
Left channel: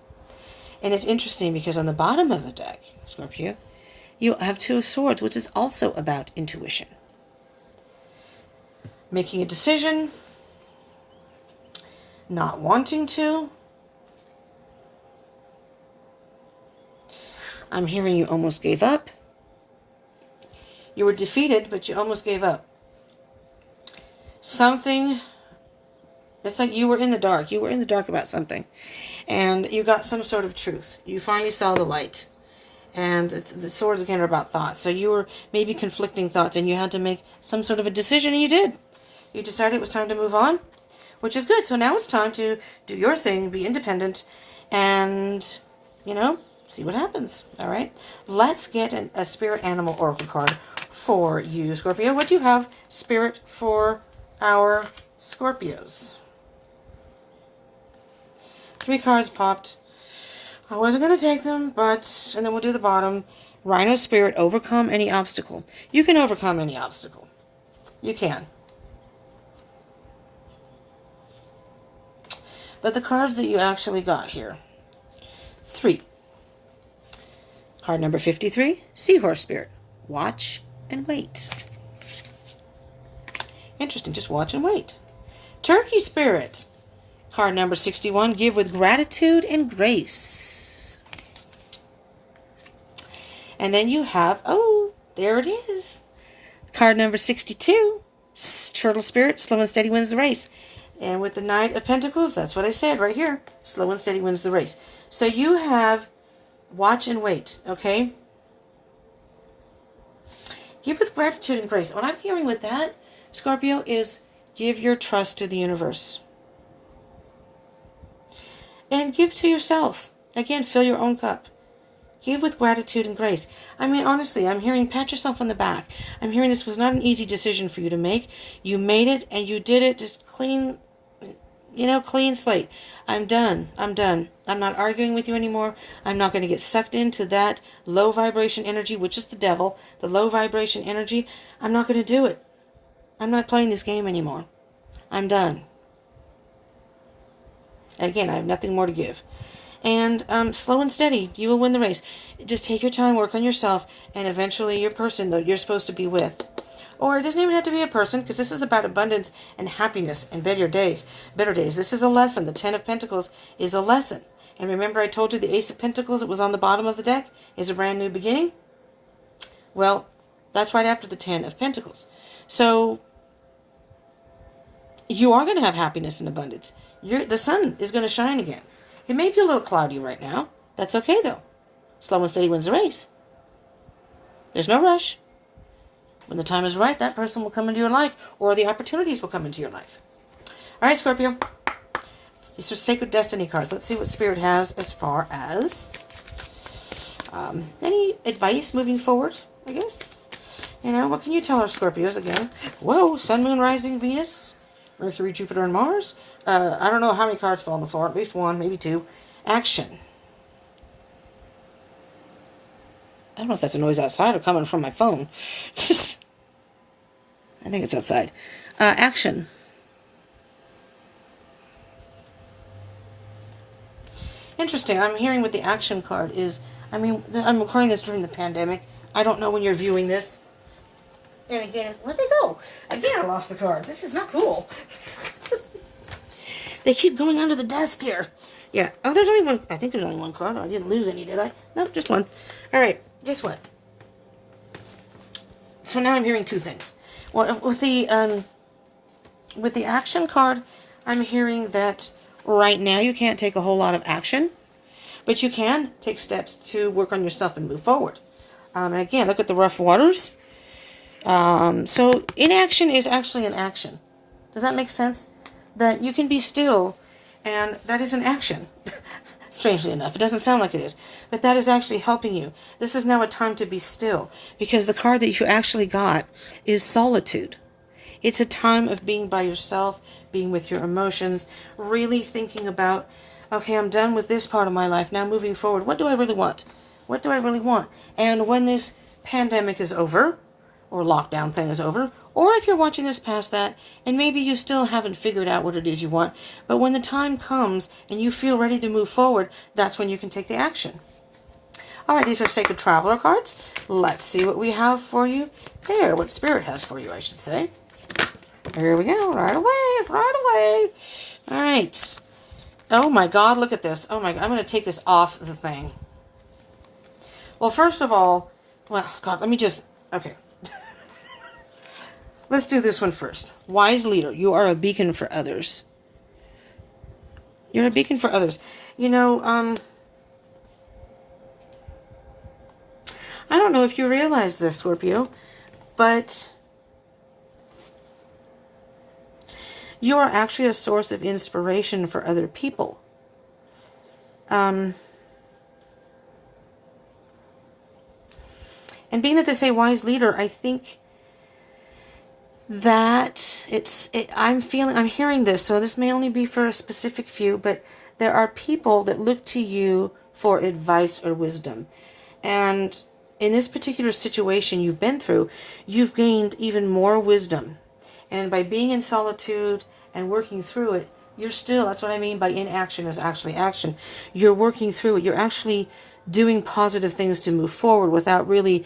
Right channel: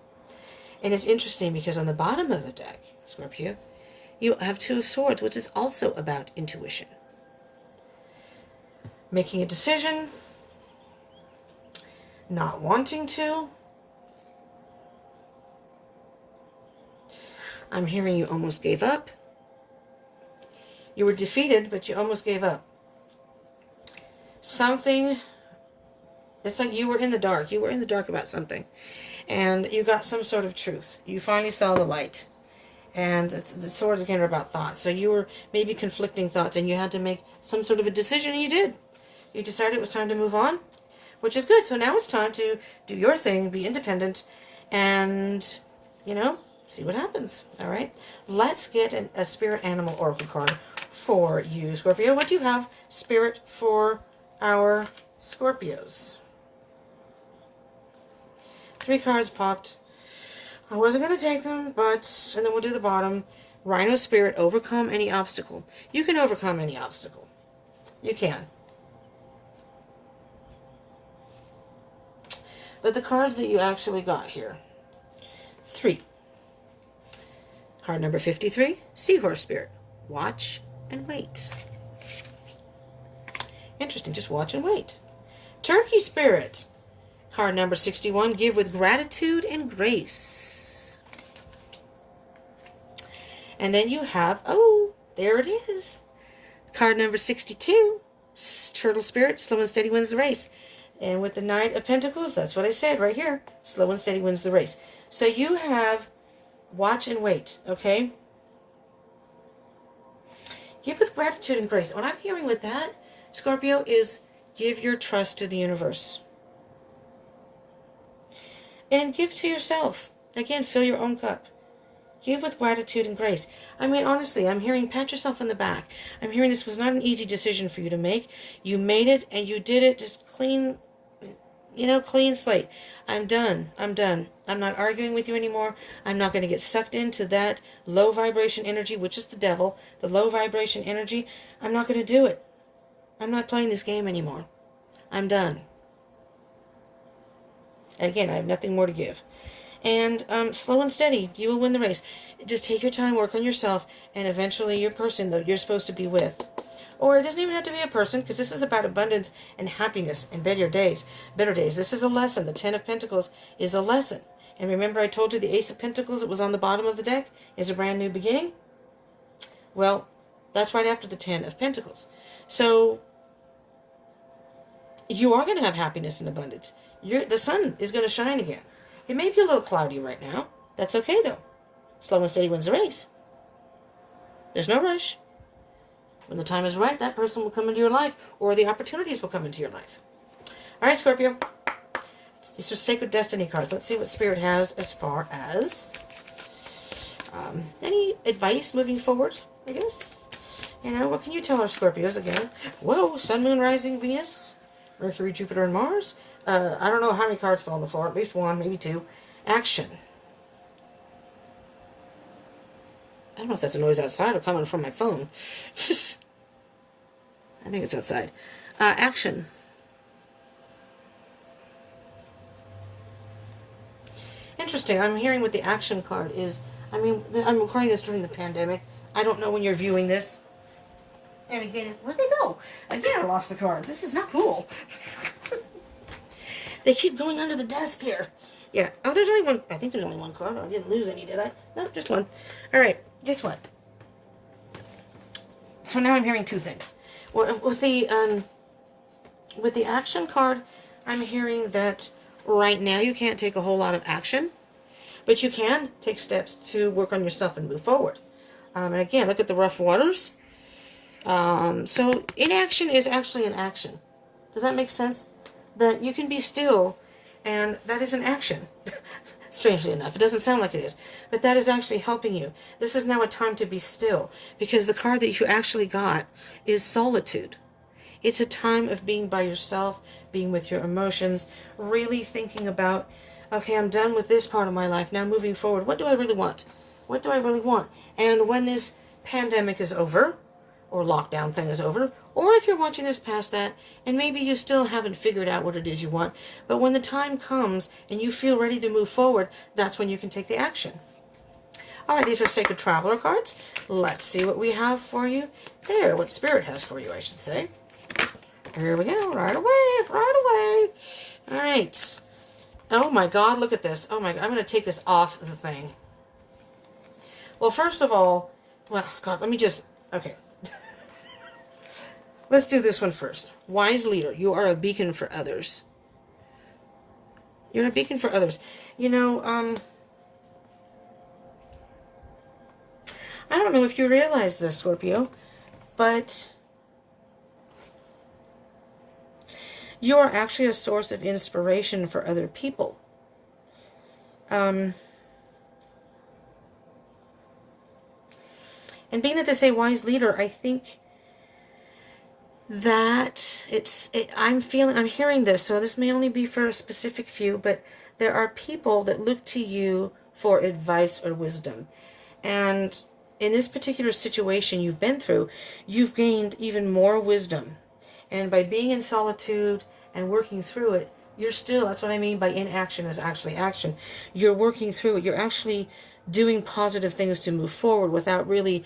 And it's interesting because on the bottom of the deck, Scorpio, you have Two of Swords, which is also about intuition. Making a decision, not wanting to. I'm hearing you almost gave up. You were defeated, but you almost gave up. Something, it's like you were in the dark. You were in the dark about something. And you got some sort of truth. You finally saw the light. And the swords again are about thoughts. So you were maybe conflicting thoughts and you had to make some sort of a decision, and you did. You decided it was time to move on, which is good. So now it's time to do your thing, be independent, and, you know, see what happens. All right. Let's get a spirit animal oracle card for you, Scorpio. What do you have, spirit, for our Scorpios? 3 cards popped. I wasn't going to take them, but, and then we'll do the bottom. Rhino spirit, overcome any obstacle. You can overcome any obstacle. You can. But the cards that you actually got here. 3. Card number 53, Seahorse Spirit. Watch and wait. Interesting, just watch and wait. Turkey Spirit. Card number 61, Give with gratitude and grace. And then you have, oh, there it is. Card number 62, Turtle Spirit. Slow and steady wins the race. And with the Knight of Pentacles, that's what I said right here. Slow and steady wins the race. So you have watch and wait, okay? Give with gratitude and grace. What I'm hearing with that, Scorpio, is give your trust to the universe. And give to yourself. Again, fill your own cup. Give with gratitude and grace. I mean, honestly, I'm hearing pat yourself on the back. I'm hearing this was not an easy decision for you to make. You made it and you did it just clean, you know, clean slate. I'm done. I'm done. I'm not arguing with you anymore. I'm not going to get sucked into that low vibration energy, which is the devil, the low vibration energy. I'm not going to do it. I'm not playing this game anymore. I'm done. Again, I have nothing more to give. And slow and steady, you will win the race. Just take your time, work on yourself, and eventually your person that you're supposed to be with. Or it doesn't even have to be a person, because this is about abundance and happiness and better days. Better days. This is a lesson. The 10 of Pentacles is a lesson. And remember I told you the Ace of Pentacles that was on the bottom of the deck is a brand new beginning? Well, that's right after the 10 of Pentacles. So you are going to have happiness and abundance. The sun is going to shine again. It may be a little cloudy right now. That's okay, though. Slow and steady wins the race. There's no rush. When the time is right, that person will come into your life, or the opportunities will come into your life. All right, Scorpio. These are sacred destiny cards. Let's see what Spirit has as far as any advice moving forward, I guess. You know, what can you tell our Scorpios again? Whoa, Sun, Moon, Rising, Venus, Mercury, Jupiter, and Mars. I don't know how many cards fall on the floor. At least 1, maybe 2. Action. I don't know if that's a noise outside or coming from my phone. I think it's outside. Action. Interesting. I'm hearing what the action card is. I mean, I'm recording this during the pandemic. I don't know when you're viewing this. And again, where'd they go? Again, I lost the cards. This is not cool. They keep going under the desk here. Yeah. Oh, there's only one. I think there's only one card. I didn't lose any, did I? No, just one. All right. guess what? So now I'm hearing two things. Well, with the action card, I'm hearing that right now you can't take a whole lot of action, but you can take steps to work on yourself and move forward. And again, look at the rough waters. So inaction is actually an action. Does that make sense? That you can be still, and that is an action. Strangely enough, it doesn't sound like it is, but that is actually helping you. This is now a time to be still, because the card that you actually got is solitude. It's a time of being by yourself, being with your emotions, really thinking about, okay, I'm done with this part of my life. Now moving forward, what do I really want? What do I really want? And when this pandemic is over, or lockdown thing is over, or if you're watching this past that, and maybe you still haven't figured out what it is you want, but when the time comes and you feel ready to move forward, that's when you can take the action. All right, these are Sacred Traveler cards. Let's see what we have for you there, what Spirit has for you, I should say. Here we go, right away, right away. All right. Oh my God, look at this. Oh my God, I'm going to take this off the thing. Well, first of all, well, God, let me just, okay. Let's do this one first. Wise leader, you are a beacon for others. You're a beacon for others. You know, I don't know if you realize this, Scorpio, but you are actually a source of inspiration for other people. And being that they say wise leader, I think that I'm hearing this, so this may only be for a specific few, but there are people that look to you for advice or wisdom. And in this particular situation you've been through, you've gained even more wisdom. And by being in solitude and working through it, you're still, that's what I mean by inaction is actually action. You're working through it. You're actually doing positive things to move forward without really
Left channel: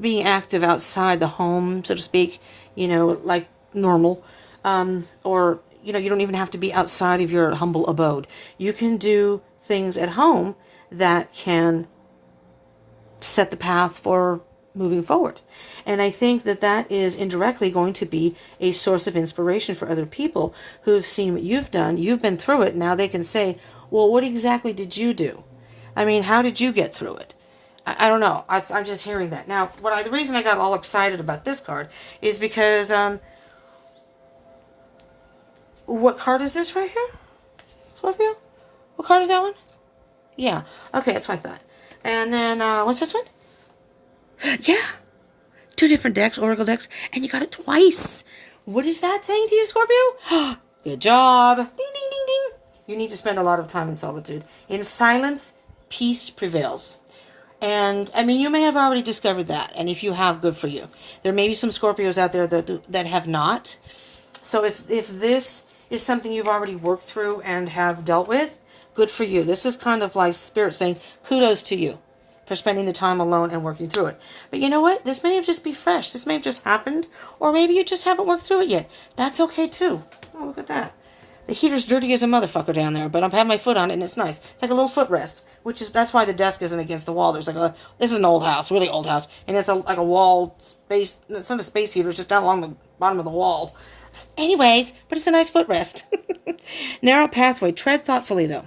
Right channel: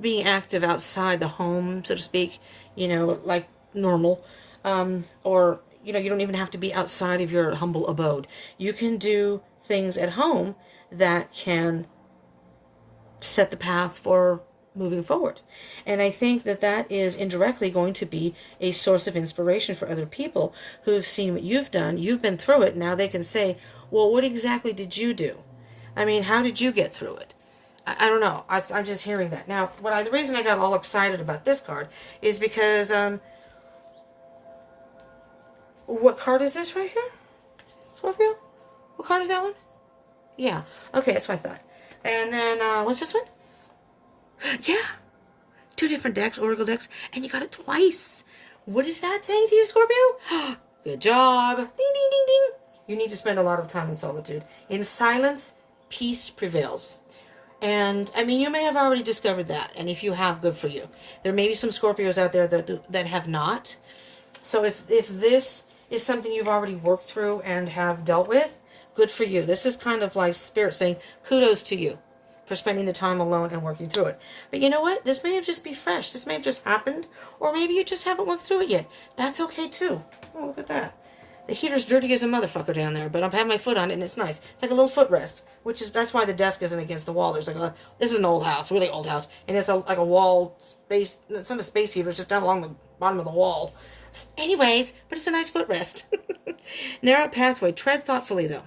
being active outside the home, so to speak, you know, like normal. Or, you know, you don't even have to be outside of your humble abode. You can do things at home that can set the path for moving forward. And I think that that is indirectly going to be a source of inspiration for other people who have seen what you've done. You've been through it. Now they can say, well, what exactly did you do? I mean, how did you get through it? I don't know. I'm just hearing that. Now, the reason I got all excited about this card is because, what card is this right here? Scorpio? What card is that one? Yeah. Okay, that's what I thought. And then, what's this one? Yeah. 2 different decks, Oracle decks, and you got it twice. What is that saying to you, Scorpio? Good job. Ding, ding, ding, ding. You need to spend a lot of time in solitude. In silence, peace prevails. And, I mean, you may have already discovered that. And if you have, good for you. There may be some Scorpios out there that have not. So if this is something you've already worked through and have dealt with, good for you. This is kind of like Spirit saying, kudos to you for spending the time alone and working through it. But you know what? This may have just be fresh. This may have just happened. Or maybe you just haven't worked through it yet. That's okay, too. Oh, look at that. The heater's dirty as a motherfucker down there, but I've had my foot on it, and it's nice. It's like a little footrest, that's why the desk isn't against the wall. There's this is an old house, really old house, and it's like a wall space. It's not a space heater, it's just down along the bottom of the wall. Anyways, but it's a nice footrest. Narrow pathway. Tread thoughtfully, though.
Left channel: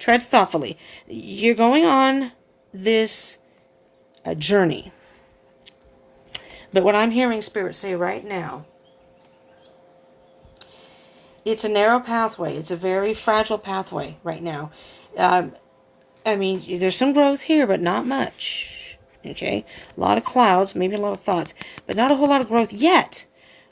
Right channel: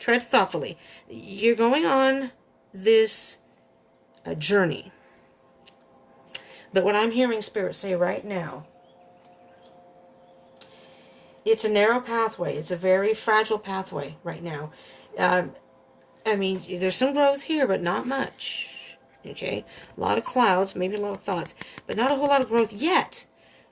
Tread thoughtfully. You're going on this journey. But what I'm hearing Spirit say right now, it's a narrow pathway. It's a very fragile pathway right now. I mean, there's some growth here, but not much. Okay? A lot of clouds, maybe a lot of thoughts, but not a whole lot of growth yet.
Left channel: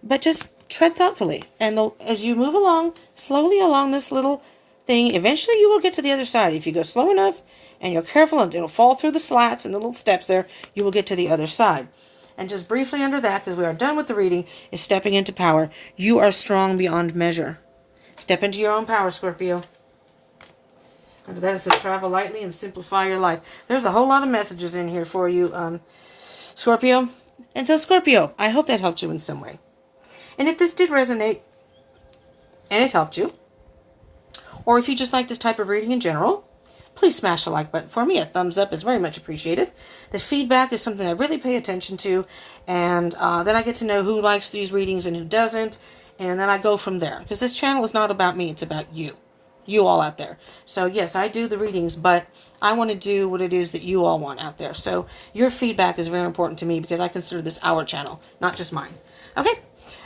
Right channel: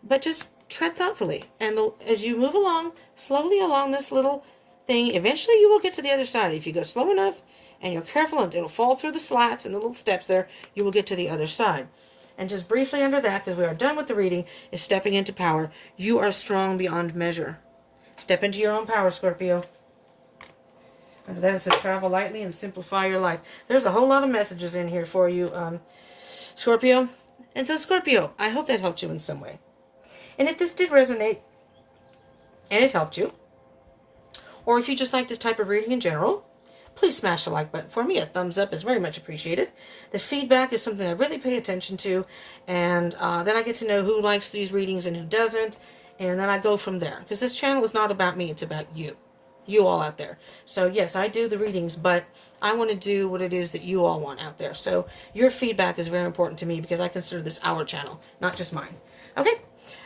But just tread thoughtfully. And as you move along, slowly along this little thing, eventually you will get to the other side. If you go slow enough and you're careful, and it'll fall through the slats and the little steps there, you will get to the other side. And just briefly under that, because we are done with the reading, is stepping into power. You are strong beyond measure. Step into your own power, Scorpio. Under that, it says travel lightly and simplify your life. There's a whole lot of messages in here for you, Scorpio. And so, Scorpio, I hope that helped you in some way. And if this did resonate, and it helped you, or if you just like this type of reading in general, please smash the like button for me. A thumbs up is very much appreciated. The feedback is something I really pay attention to, and then I get to know who likes these readings and who doesn't, and then I go from there. Because this channel is not about me, it's about you. You all out there. So yes, I do the readings, but I want to do what it is that you all want out there. So your feedback is very important to me because I consider this our channel, not just mine. Okay?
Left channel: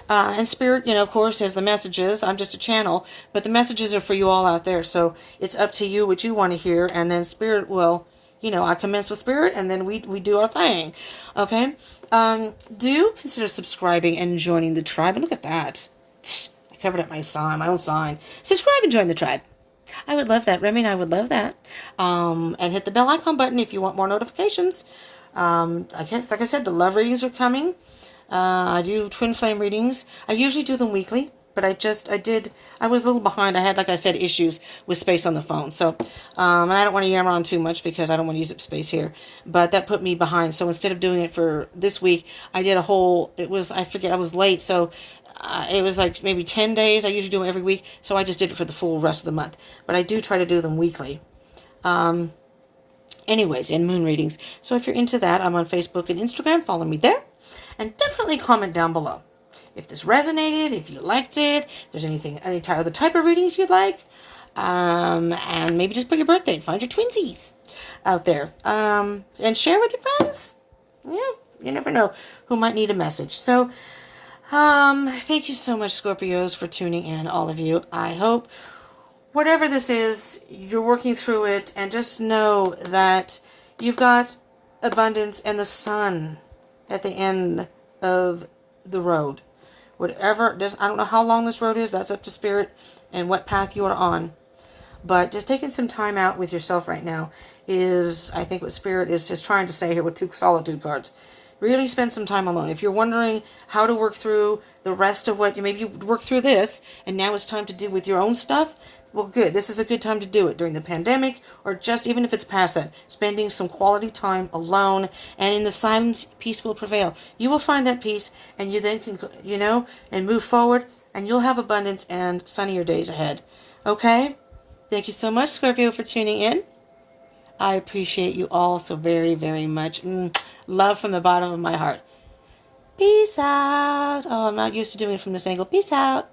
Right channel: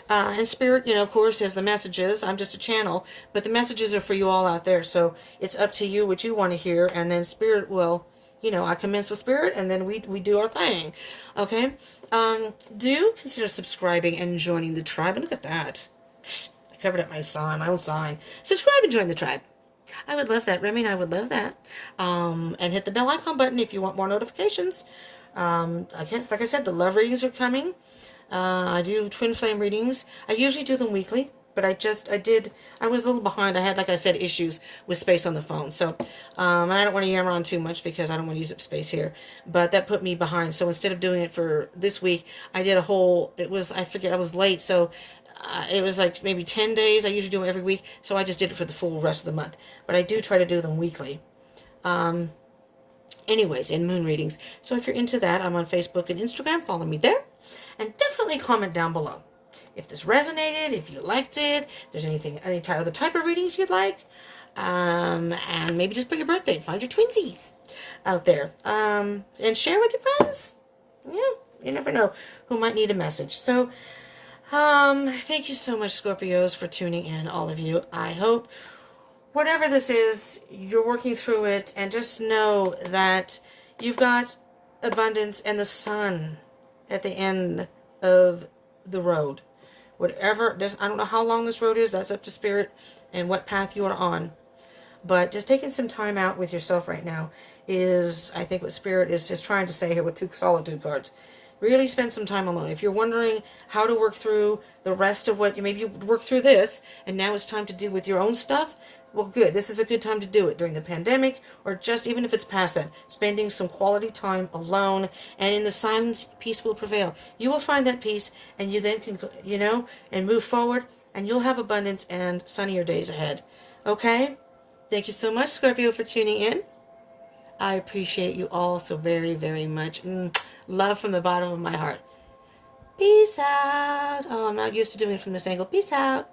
And Spirit, of course, has the messages. I'm just a channel, but the messages are for you all out there. So it's up to you what you want to hear, and then Spirit will, I commence with Spirit, and then we do our thing. Okay? Do consider subscribing and joining the tribe. And look at that. I covered up my own sign. Subscribe and join the tribe. I would love that. Remy and I would love that. And hit the bell icon button if you want more notifications. I guess, like I said, the love readings are coming. I do twin flame readings. I usually do them weekly, but I was a little behind. I had, like I said, issues with space on the phone. So, and I don't want to yammer on too much because I don't want to use up space here. But that put me behind. So instead of doing it for this week, I did I was late. So it was like maybe 10 days. I usually do them every week. So I just did it for the full rest of the month. But I do try to do them weekly. Anyways, in moon readings. So if you're into that, I'm on Facebook and Instagram. Follow me there. And definitely comment down below if this resonated, if you liked it, if there's any other type of readings you'd like. And maybe just put your birthday and find your twinsies out there. And share with your friends. Yeah, you never know who might need a message. So, thank you so much, Scorpios, for tuning in, all of you. I hope whatever this is, you're working through it, and just know that you've got abundance and the sun at the end of the road. Whatever, I don't know how long this road is, that's up to Spirit and what path you are on. But just taking some time out with yourself right now is, I think, what Spirit is just trying to say here with 2 solitude cards. Really spend some time alone. If you're wondering how to work through the rest of maybe you work through this, and now it's time to deal with your own stuff, well, good. This is a good time to do it during the pandemic, or just even if it's past that. Spending some quality time alone, and in the silence, peace will prevail. You will find that peace, and you then can, and move forward, and you'll have abundance and sunnier days ahead. Okay? Thank you so much, Scorpio, for tuning in. I appreciate you all so very, very much. Love from the bottom of my heart. Peace out. Oh, I'm not used to doing it from this angle. Peace out.